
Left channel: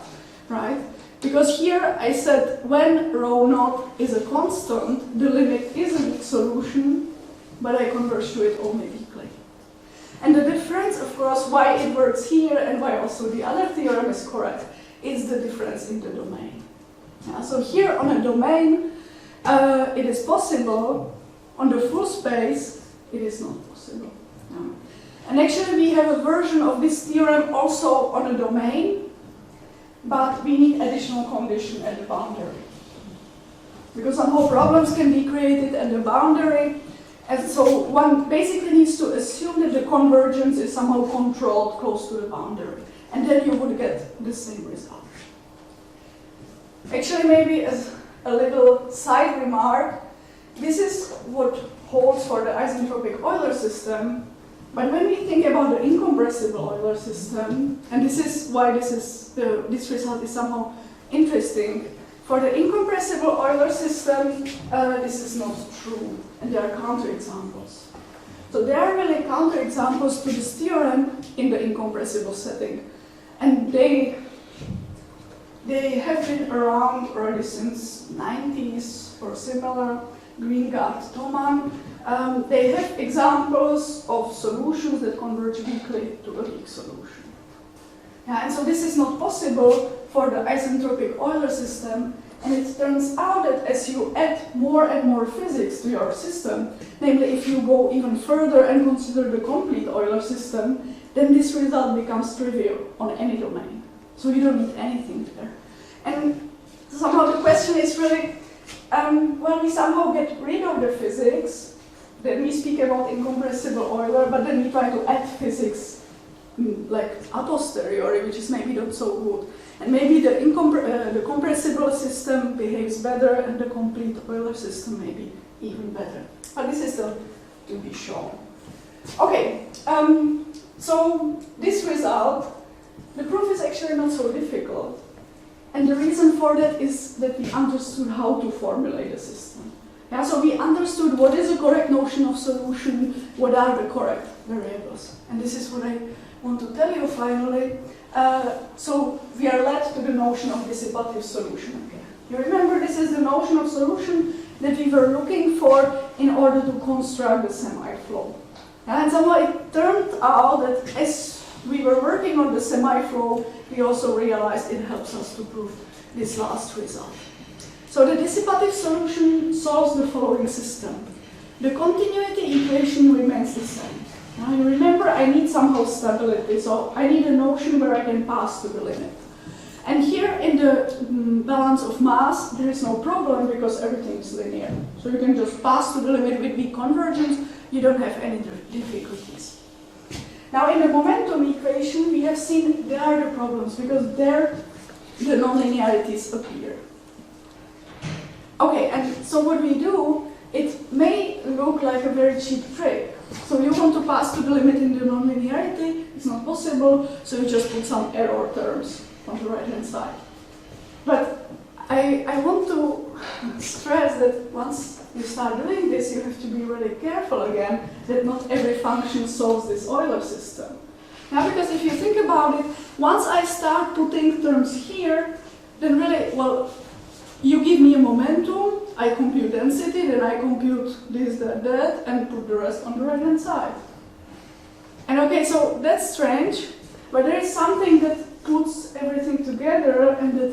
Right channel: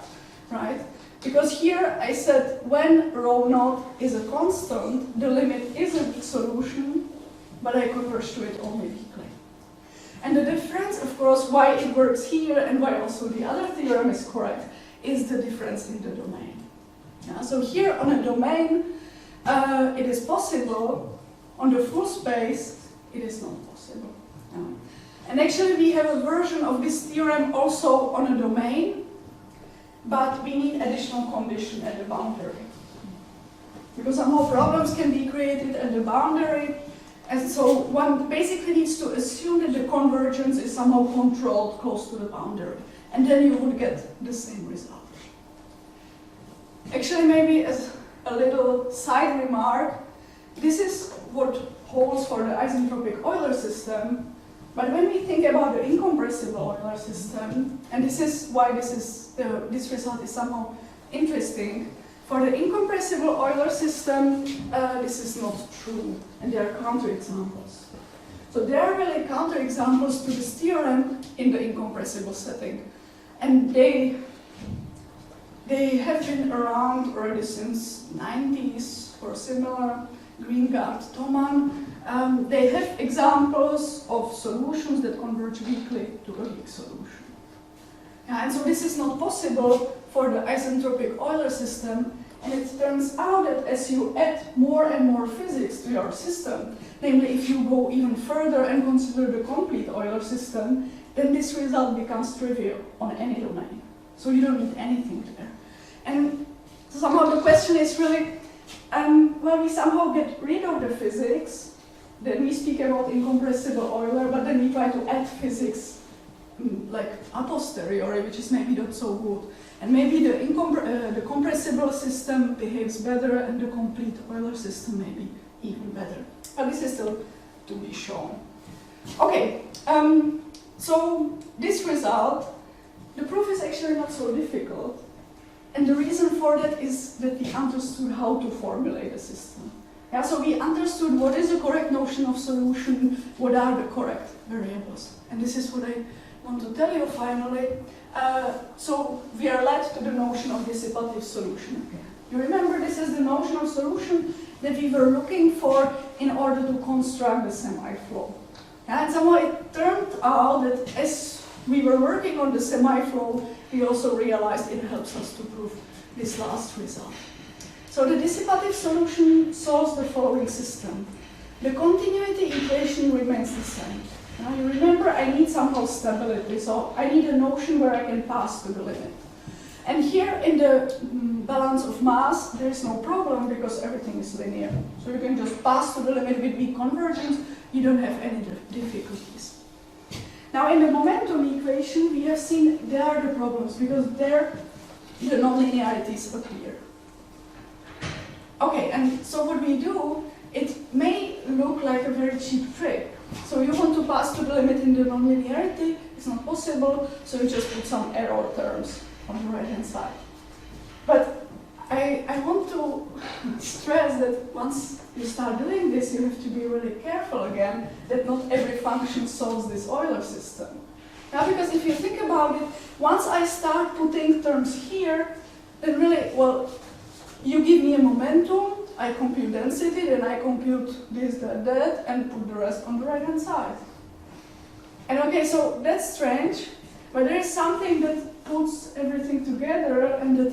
right? Because here I said when rho naught is a constant, the limit is a weak solution, but I converge to it only weakly. And the difference, of course, why it works here and why also the other theorem is correct, is the difference in the domain. Yeah, so here on a domain, it is possible. On the full space, it is not possible. Yeah. And actually we have a version of this theorem also on a domain, but we need additional condition at the boundary. Because somehow problems can be created at the boundary, and so one basically needs to assume that the convergence is somehow controlled close to the boundary, and then you would get the same result. Actually, maybe as a little side remark, this is what holds for the isentropic Euler system, but when we think about the incompressible Euler system, and this is why this result is somehow interesting, For the incompressible Euler system, this is not true, and there are counterexamples. So there are really counterexamples to this theorem in the incompressible setting, and they have been around already since 90s or similar. Greengard, Thomann. They have examples of solutions that converge weakly to a weak solution. Yeah, and so this is not possible for the isentropic Euler system, and it turns out that as you add more and more physics to your system, namely if you go even further and consider the complete Euler system, then this result becomes trivial on any domain. So you don't need anything there. And somehow the question is really, well, we somehow get rid of the physics, then we speak about incompressible Euler, but then we try to add physics like a posteriori, which is maybe not so good. And maybe the compressible system behaves better and the complete Euler system maybe even better. But this is still to be shown. Okay, so this result, the proof is actually not so difficult. And the reason for that is that we understood how to formulate a system. Yeah, so we understood what is the correct notion of solution, what are the correct variables. And this is what I want to tell you finally. So we are led to the notion of dissipative solution again. You remember this is the notion of solution that we were looking for in order to construct the semiflow. And somehow it turned out that as we were working on the semiflow, we also realized it helps us to prove this last result. So the dissipative solution solves the following system. The continuity equation remains the same. Now you remember I need somehow stability, so I need a notion where I can pass to the limit. And here in the balance of mass, there is no problem because everything is linear. So you can just pass to the limit with weak convergence, you don't have any difficulties. Now in the momentum equation, we have seen there are the problems because there the nonlinearities appear. Okay, and so what we do, it may look like a very cheap trick. So you want to pass to the limit in the nonlinearity, it's not possible, so you just put some error terms on the right-hand side. But I want to stress that once you start doing this, you have to be really careful again that not every function solves this Euler system. Now, because if you think about it, once I start putting terms here, then really, well, you give me a momentum, I compute density, then I compute this, that, and put the rest on the right-hand side. And okay, so that's strange, but there is something that puts everything together and that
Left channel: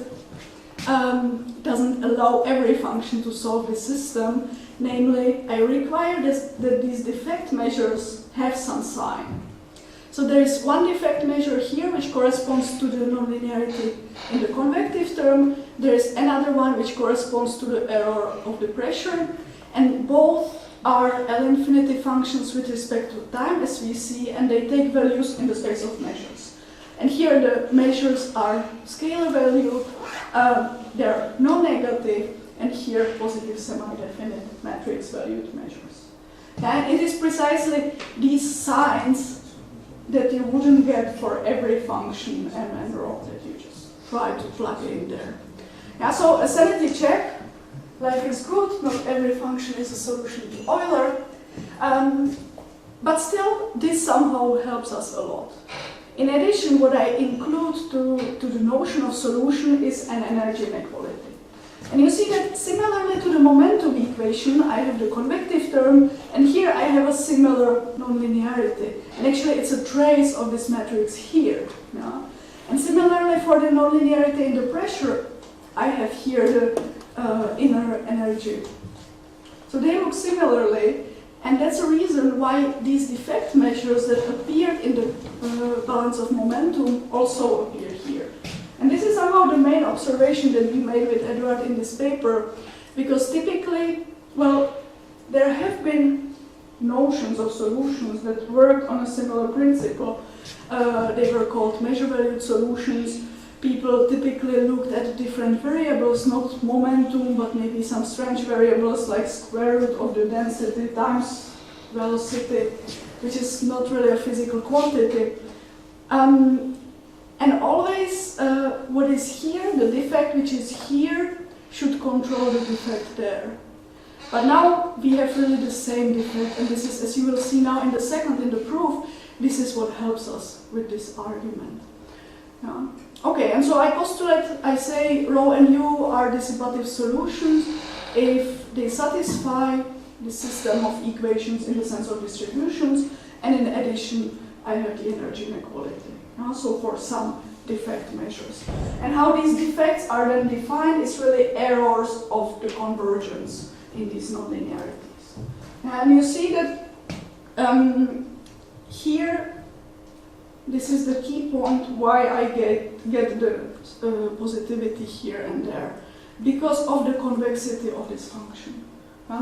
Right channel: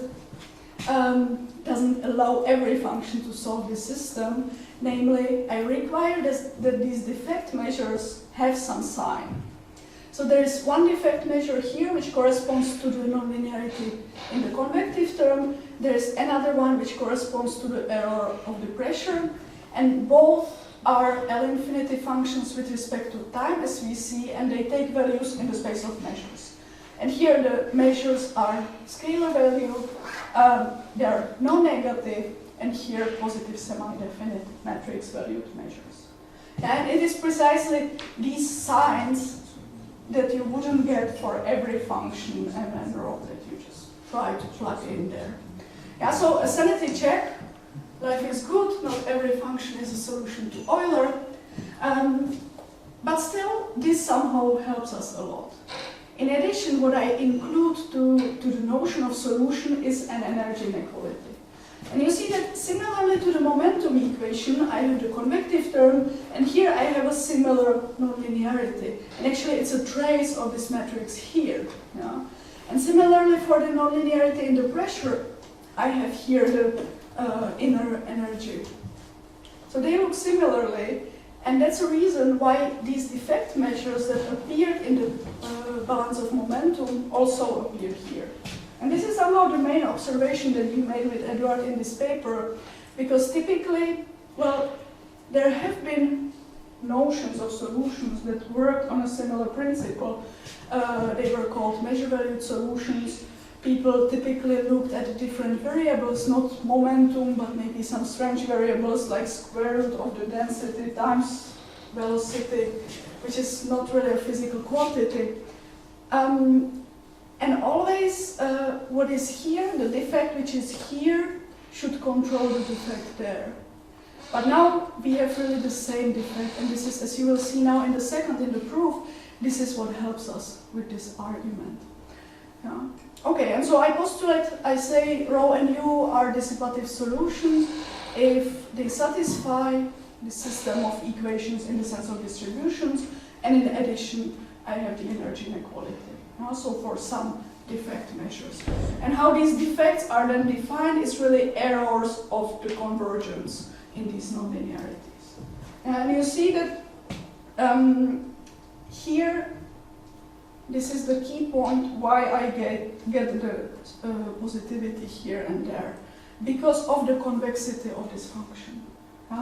doesn't allow every function to solve the system. Namely, I require that these defect measures have some sign. So there is one defect measure here which corresponds to the nonlinearity in the convective term. There is another one which corresponds to the error of the pressure. And both are L-infinity functions with respect to time, as we see, and they take values in the space of measures. And here the measures are scalar value, they are non-negative, and here positive semi-definite matrix valued measures. And it is precisely these signs that you wouldn't get for every function m and rho that you just try to plug in there. Yeah, so a sanity check, life is good, not every function is a solution to Euler, but still this somehow helps us a lot. In addition, what I include to the notion of solution is an energy inequality. And you see that similarly to the momentum equation, I have the convective term, and here I have a similar nonlinearity. And actually it's a trace of this matrix here. Yeah? And similarly for the nonlinearity in the pressure, I have here the inner energy. So they look similarly, and that's a reason why these defect measures that appeared in the balance of momentum also appear here. And this is somehow the main observation that we made with Edward in this paper, because typically, well, there have been notions of solutions that work on a similar principle. They were called measure-valued solutions. People typically looked at different variables, not momentum, but maybe some strange variables like square root of the density times velocity, which is not really a physical quantity. And always what is here, the defect which is here, should control the defect there. But now we have really the same defect, and this is, as you will see now in the proof, this is what helps us with this argument. Yeah. Okay, and so I postulate, I say rho and u are dissipative solutions if they satisfy the system of equations in the sense of distributions, and in addition I have the energy inequality. So for some defect measures. And how these defects are then defined is really errors of the convergence in these nonlinearities. And you see that here, this is the key point why I get the positivity here and there, because of the convexity of this function.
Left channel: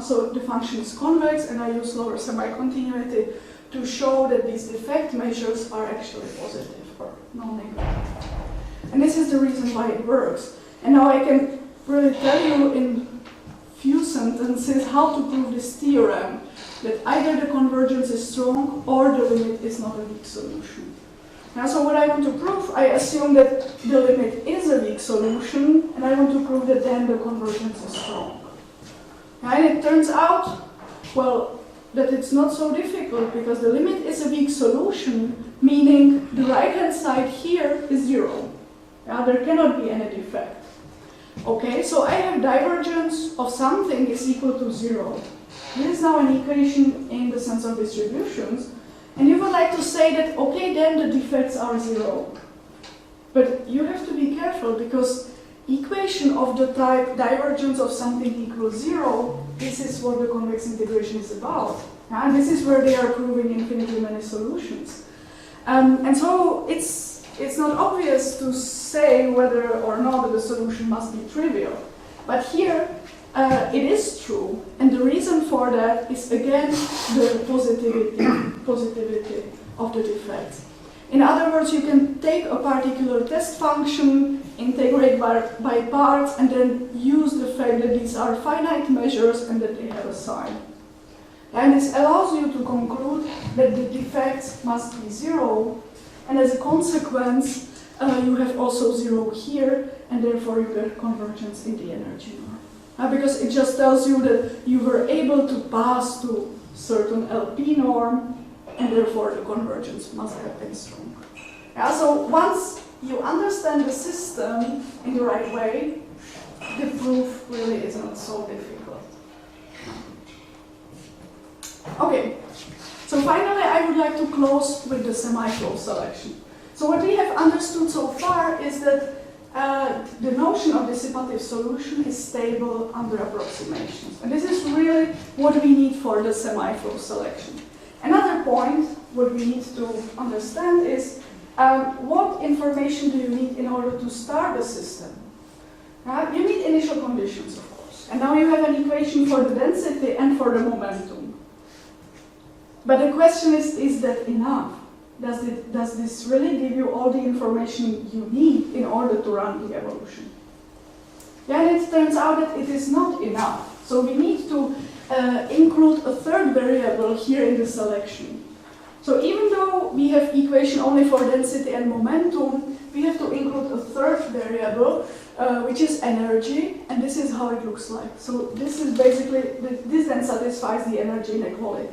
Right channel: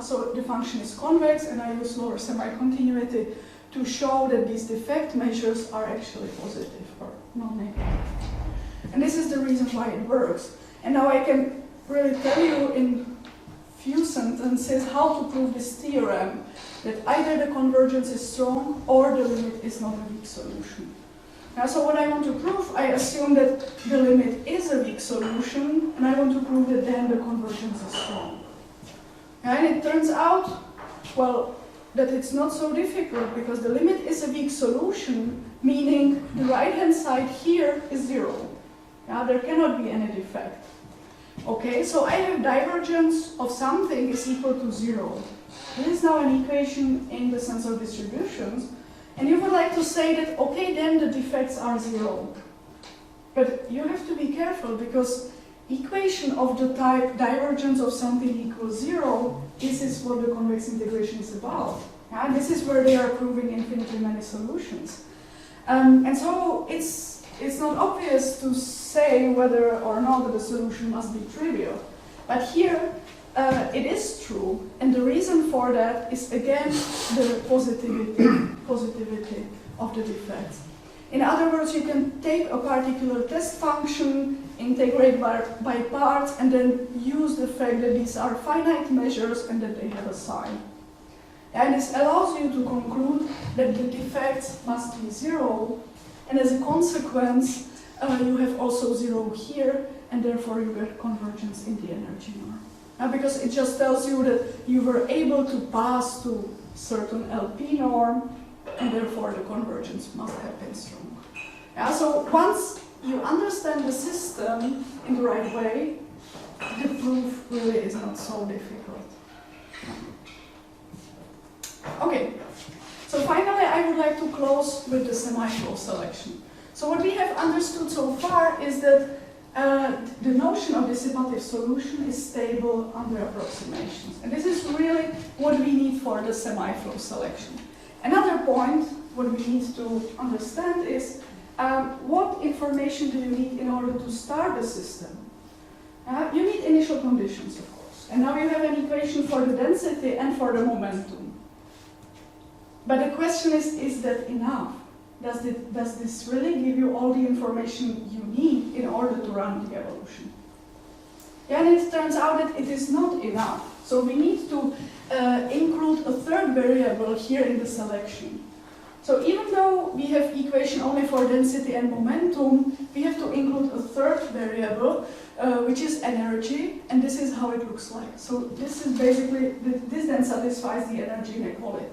So the function is convex, and I use lower semi-continuity to show that these defect measures are actually positive or non-negative. And this is the reason why it works. And now I can really tell you in few sentences how to prove this theorem, that either the convergence is strong or the limit is not a weak solution. Now, so what I want to prove, I assume that the limit is a weak solution, and I want to prove that then the convergence is strong. And it turns out, well, that it's not so difficult, because the limit is a weak solution, meaning the right-hand side here is 0. There cannot be any defect. Okay, so I have divergence of something is equal to 0. This is now an equation in the sense of distributions, and you would like to say that, okay, then the defects are 0. But you have to be careful, because equation of the type divergence of something equals 0, this is what the convex integration is about. And this is where they are proving infinitely many solutions. And so it's not obvious to say whether or not the solution must be trivial. But here it is true, and the reason for that is again the positivity of the defects. In other words, you can take a particular test function, integrate by parts, and then use the fact that these are finite measures and that they have a sign. And this allows you to conclude that the defects must be 0, and as a consequence, you have also 0 here, and therefore you get convergence in the energy norm. Because it just tells you that you were able to pass to certain LP norm, and therefore the convergence must have been strong. So once you understand the system in the right way, the proof really isn't so difficult. Okay, so finally I would like to close with the semiflow selection. So what we have understood so far is that the notion of dissipative solution is stable under approximations. And this is really what we need for the semiflow selection. Another point, what we need to understand is what information do you need in order to start the system? You need initial conditions, of course. And now you have an equation for the density and for the momentum. But the question is that enough? Does this really give you all the information you need in order to run the evolution? And it turns out that it is not enough. So we need to include a third variable here in the selection. So even though we have equation only for density and momentum, we have to include a third variable, which is energy, and this is how it looks like. So this is basically, this then satisfies the energy inequality.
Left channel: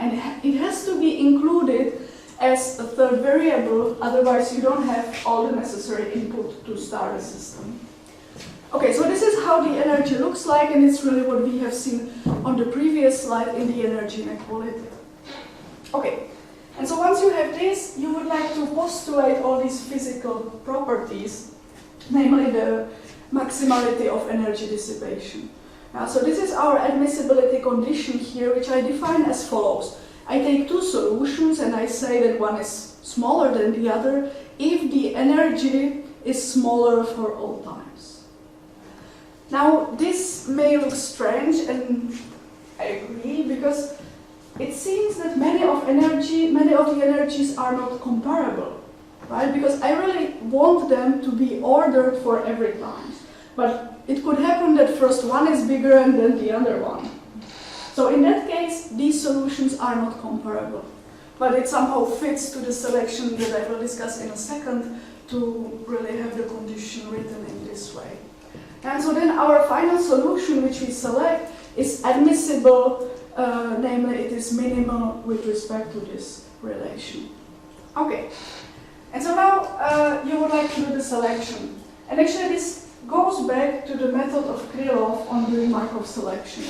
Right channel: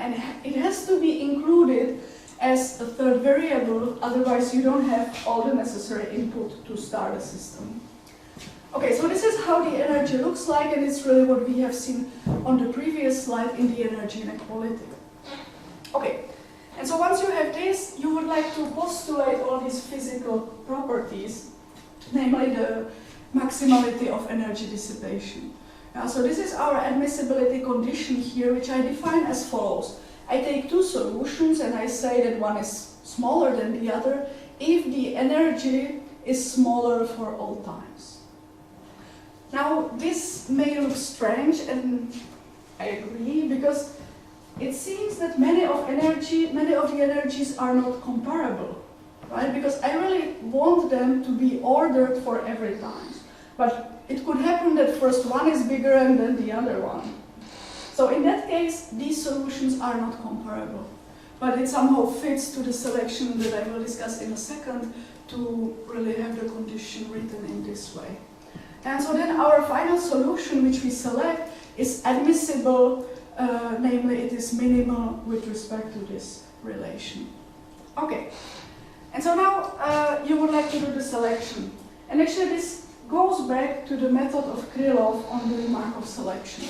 And it has to be included as a third variable, otherwise you don't have all the necessary input to start a system. Okay, so this is how the energy looks like, and it's really what we have seen on the previous slide in the energy inequality. Okay, and so once you have this, you would like to postulate all these physical properties, namely the maximality of energy dissipation. So this is our admissibility condition here, which I define as follows. I take two solutions and I say that one is smaller than the other if the energy is smaller for all times. Now this may look strange, and I agree, because it seems that many of the energies are not comparable, right? Because I really want them to be ordered for every time. But it could happen that first one is bigger and then the other one. So in that case, these solutions are not comparable. But it somehow fits to the selection that I will discuss in a second to really have the condition written in this way. And so then our final solution, which we select, is admissible, namely it is minimal with respect to this relation. Okay, and so now you would like to do the selection. And actually this goes back to the method of Krylov on doing Markov selection.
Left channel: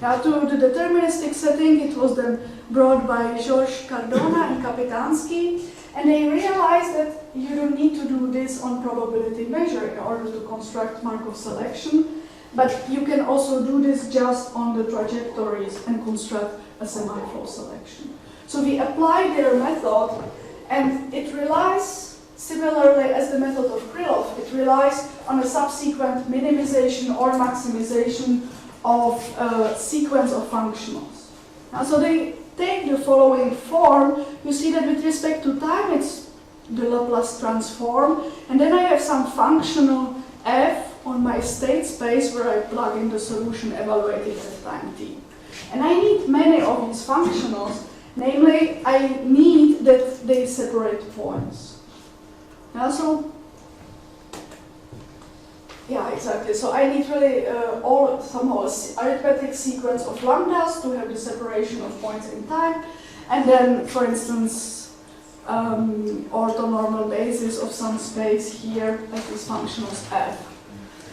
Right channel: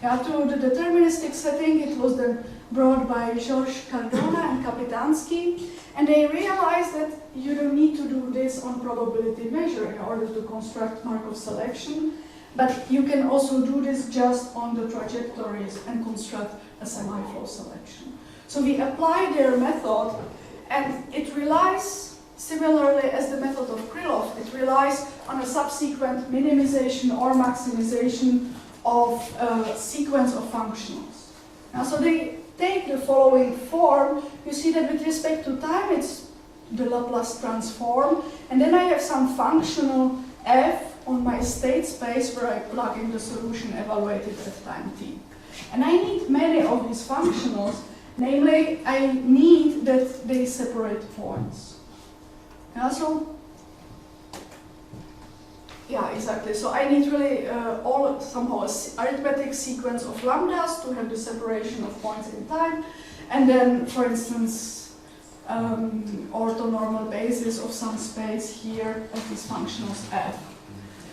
Now to the deterministic setting, it was then brought by Georges Cardona and Kapitansky, and they realized that you don't need to do this on probability measure in order to construct Markov selection, but you can also do this just on the trajectories and construct a semiflow selection. So we apply their method, and it relies, similarly as the method of Krylov, it relies on a subsequent minimization or maximization of a sequence of functionals. Now, so they take the following form. You see that with respect to time, it's the Laplace transform, and then I have some functional f on my state space where I plug in the solution evaluated at time t. And I need many of these functionals, namely I need that they separate points. Yeah, exactly. So I need really somehow an arithmetic sequence of lambdas to have the separation of points in time, and then, for instance, orthonormal basis of some space here as these functionals f.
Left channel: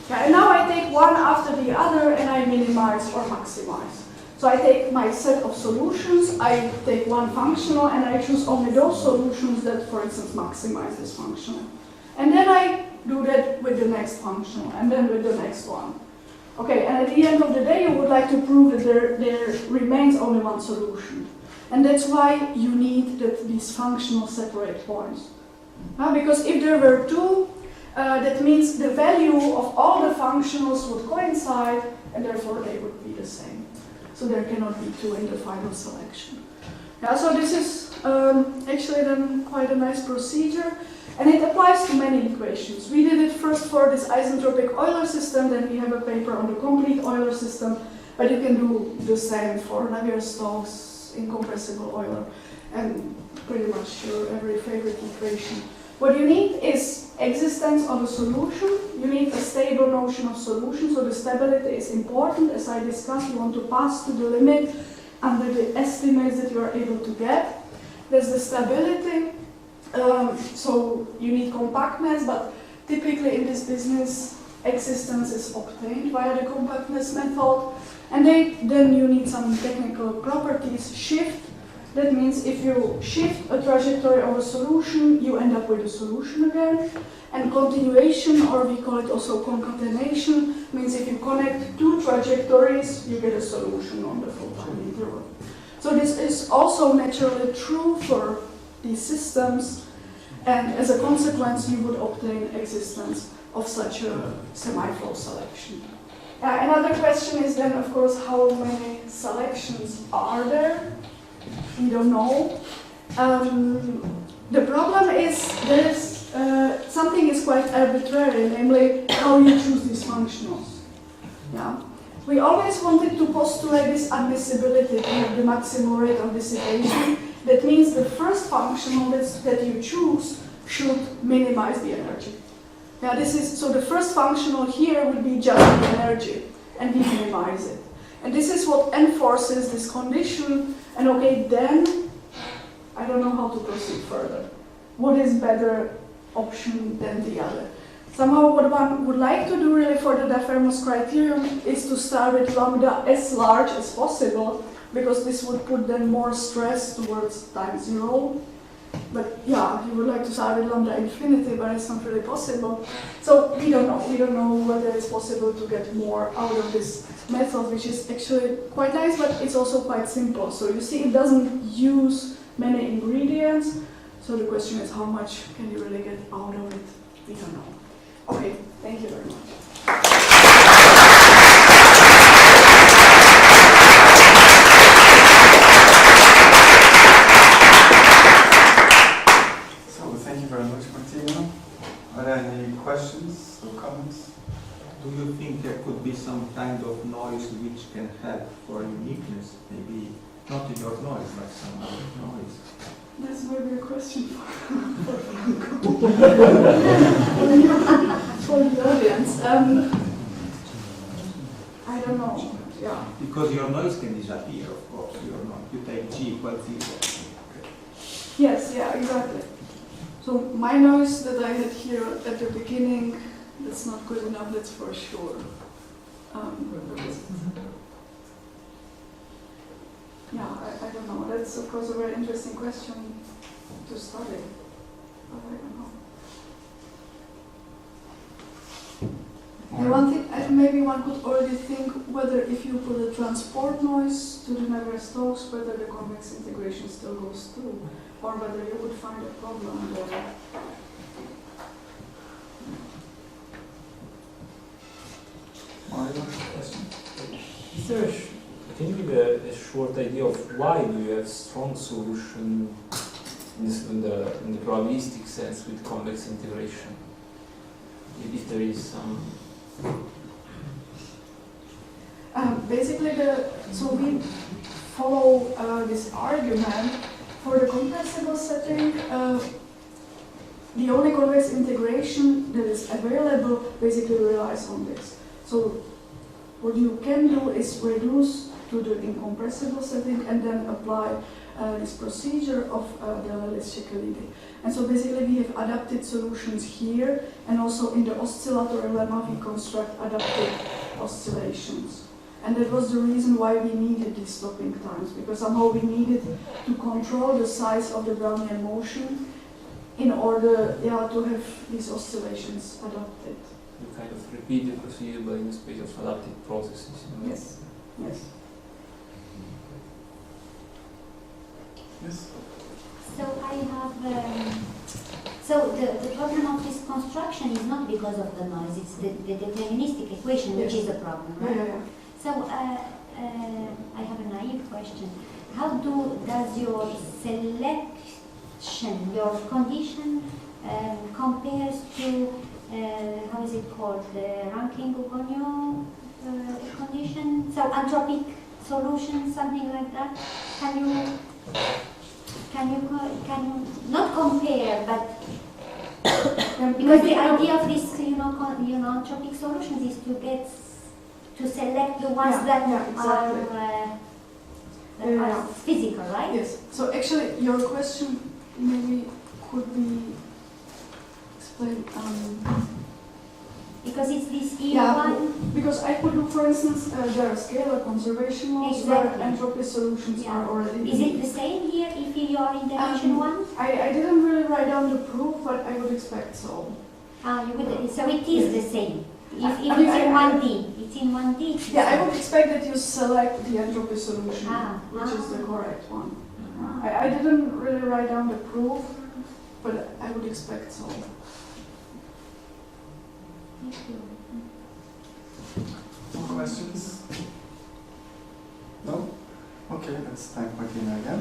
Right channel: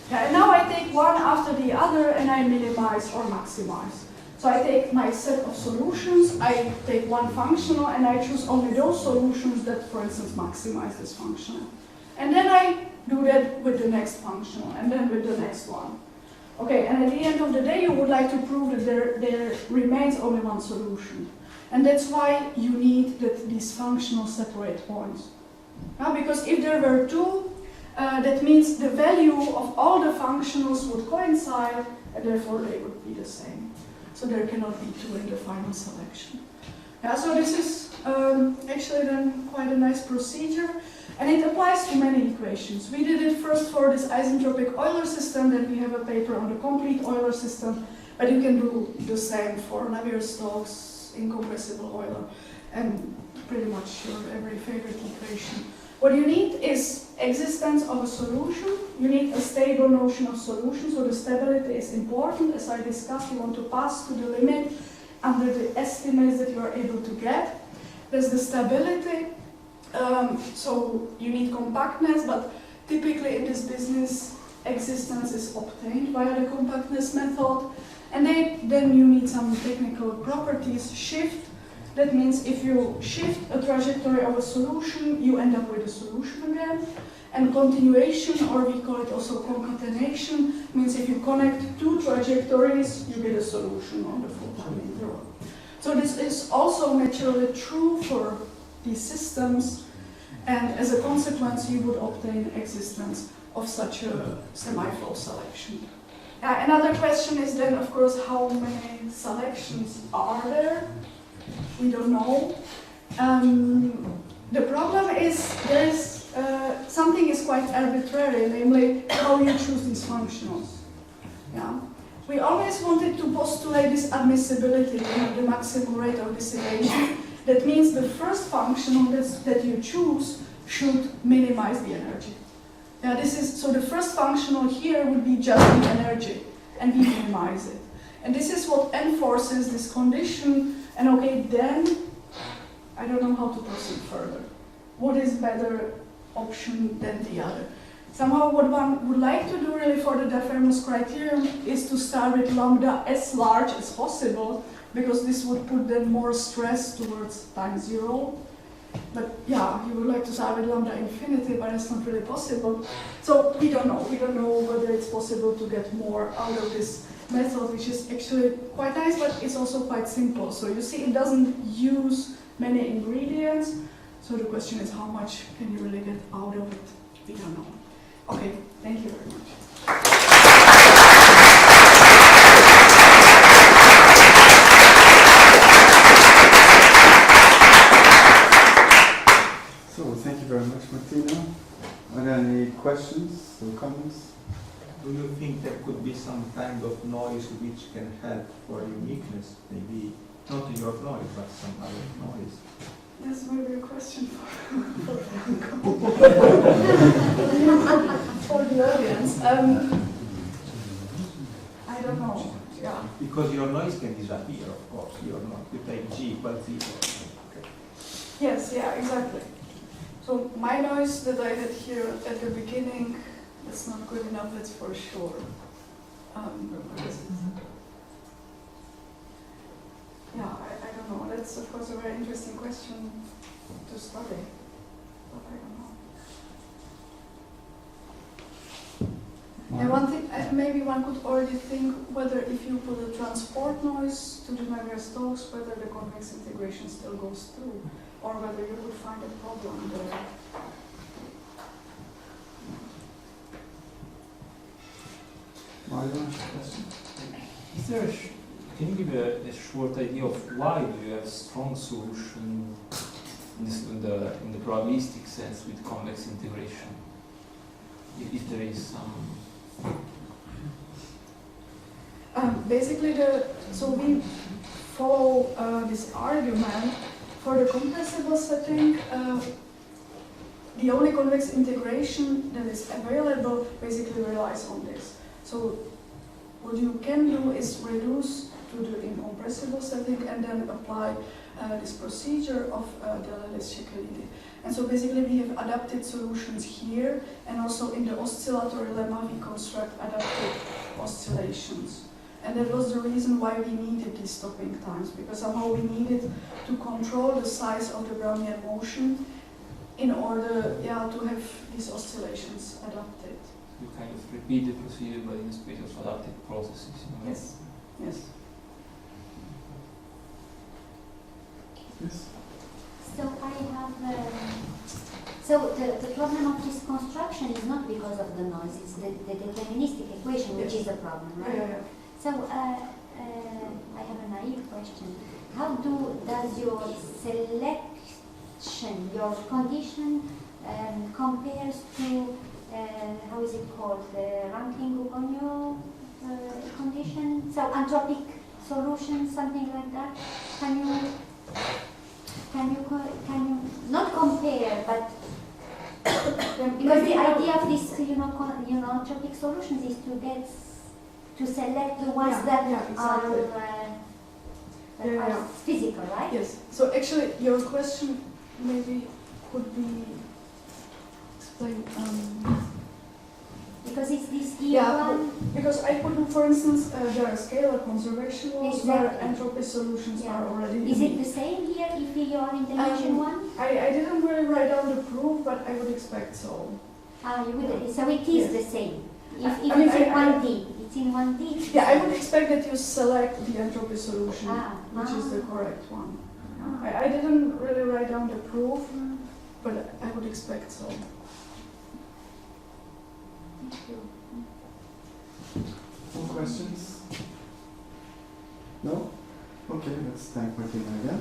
Yeah, and now I take one after the other and I minimize or maximize. So I take my set of solutions, I take one functional, and I choose only those solutions that, for instance, maximize this functional. And then I do that with the next functional, and then with the next one. Okay, and at the end of the day, you would like to prove that there remains only one solution. And that's why you need that these functionals separate points. Because if there were two, that means the value of all the functionals would coincide, and therefore they would be the same. So there cannot be two in the final selection. Yeah, so this is actually then quite a nice procedure, and it applies to many equations. We did it first for this isentropic Euler system, then we have a paper on the complete Euler system, but you can do the same for Navier-Stokes, incompressible Euler, and pretty much your every favorite equation. What you need is existence of a solution. You need a stable notion of solution, so the stability is important. As I discussed, you want to pass to the limit under the estimates that you are able to get. There's the stability, so you need compactness, but typically in this business, existence is obtained via the compactness method. And then you need some technical properties. Shift. That means if you shift a trajectory of a solution, you end up with a solution again. And continuation, or we call it also concatenation, means if you connect two trajectories, you get a solution on the full time interval. So this is also naturally true for these systems, and as a consequence, you would obtain existence of such a semiflow selection. Another question is then, of course, how many selections are there? We don't know. The problem is there is something is quite arbitrary, namely how you choose these functionals. Yeah. We always wanted to postulate this admissibility, the maximum rate of dissipation. That means the first functional that you choose should minimize the energy. Yeah, so the first functional here would be just the energy, and we minimize it. And this is what enforces this condition. And okay, then I don't know how to proceed further. What is better option than the other? Somehow what one would like to do really for the Difference criterion is to start with lambda as large as possible, because this would put then more stress towards time zero. But yeah, you would like to start with lambda infinity, but it's not really possible. So we don't know. We don't know whether it's possible to get more out of this method, which is actually quite nice, but it's also quite simple. So you see, it doesn't use many ingredients. So the question is, how much can you really get out of it? We don't know. Okay, thank you very much. Thank you very much, Martina. Are there any questions or comments? Do you think there could be some kind of noise which can help for uniqueness? Maybe not in your noise, but some other noise. That's maybe a question for for the audience. I don't know. Yeah. Because your noise can disappear, of course. Your noise. You take G equals 0. Okay. Yes, yeah, exactly. So my noise that I had here at the beginning, that's not good enough, that's for sure. Yeah, I don't know. That's of course a very interesting question to study, but I don't know. And one thing, maybe one could already think whether if you put a transport noise to the Navier-Stokes, whether the convex integration still goes through, or whether you would find a problem there. Can you give a short idea of why do you have strong solution in the probabilistic sense with convex integration? If there is some. Basically, so we follow this argument for the compressible setting. The only convex integration that is available basically relies on this. So what you can do is reduce to the incompressible setting and then apply this procedure of the Lewis-Székely. And so basically we have adapted solutions here, and also in the oscillatory lemma we construct adapted oscillations. And that was the reason why we needed these stopping times, because somehow we needed to control the size of the Brownian motion in order to have these oscillations adapted. You kind of repeat the procedure, but in the space of adaptive processes. In a way. Yes. Yes. Yes. So I have, so the problem of this construction is not because of the noise, it's the deterministic equation which is the problem, right? Yeah. So I have a naive question. How does your selection, your condition compares to, how is it called, the Rankin-Guggenheim condition? So anthropic solution, something like that? Can you not compare, but because the idea of this, anthropic solutions is to select the ones that exactly. are physical, right? Yes. So actually, your question maybe could be explained. Because it's this E1. Yeah, because I could look, for instance, there are scalar conservation laws Exactly. where entropy solutions are already. Is it the same here if you are in dimension 1? I didn't really write down the proof, but I would expect so. You would. So it is the same. If I mean, it's in 1D, it's in 1D. It's the Yeah, I same. would expect that you select the entropy solution, which is the Ah. correct one. Ah. I didn't really write down the proof, but I would expect so. More questions? No? Okay, let's thank Martina again.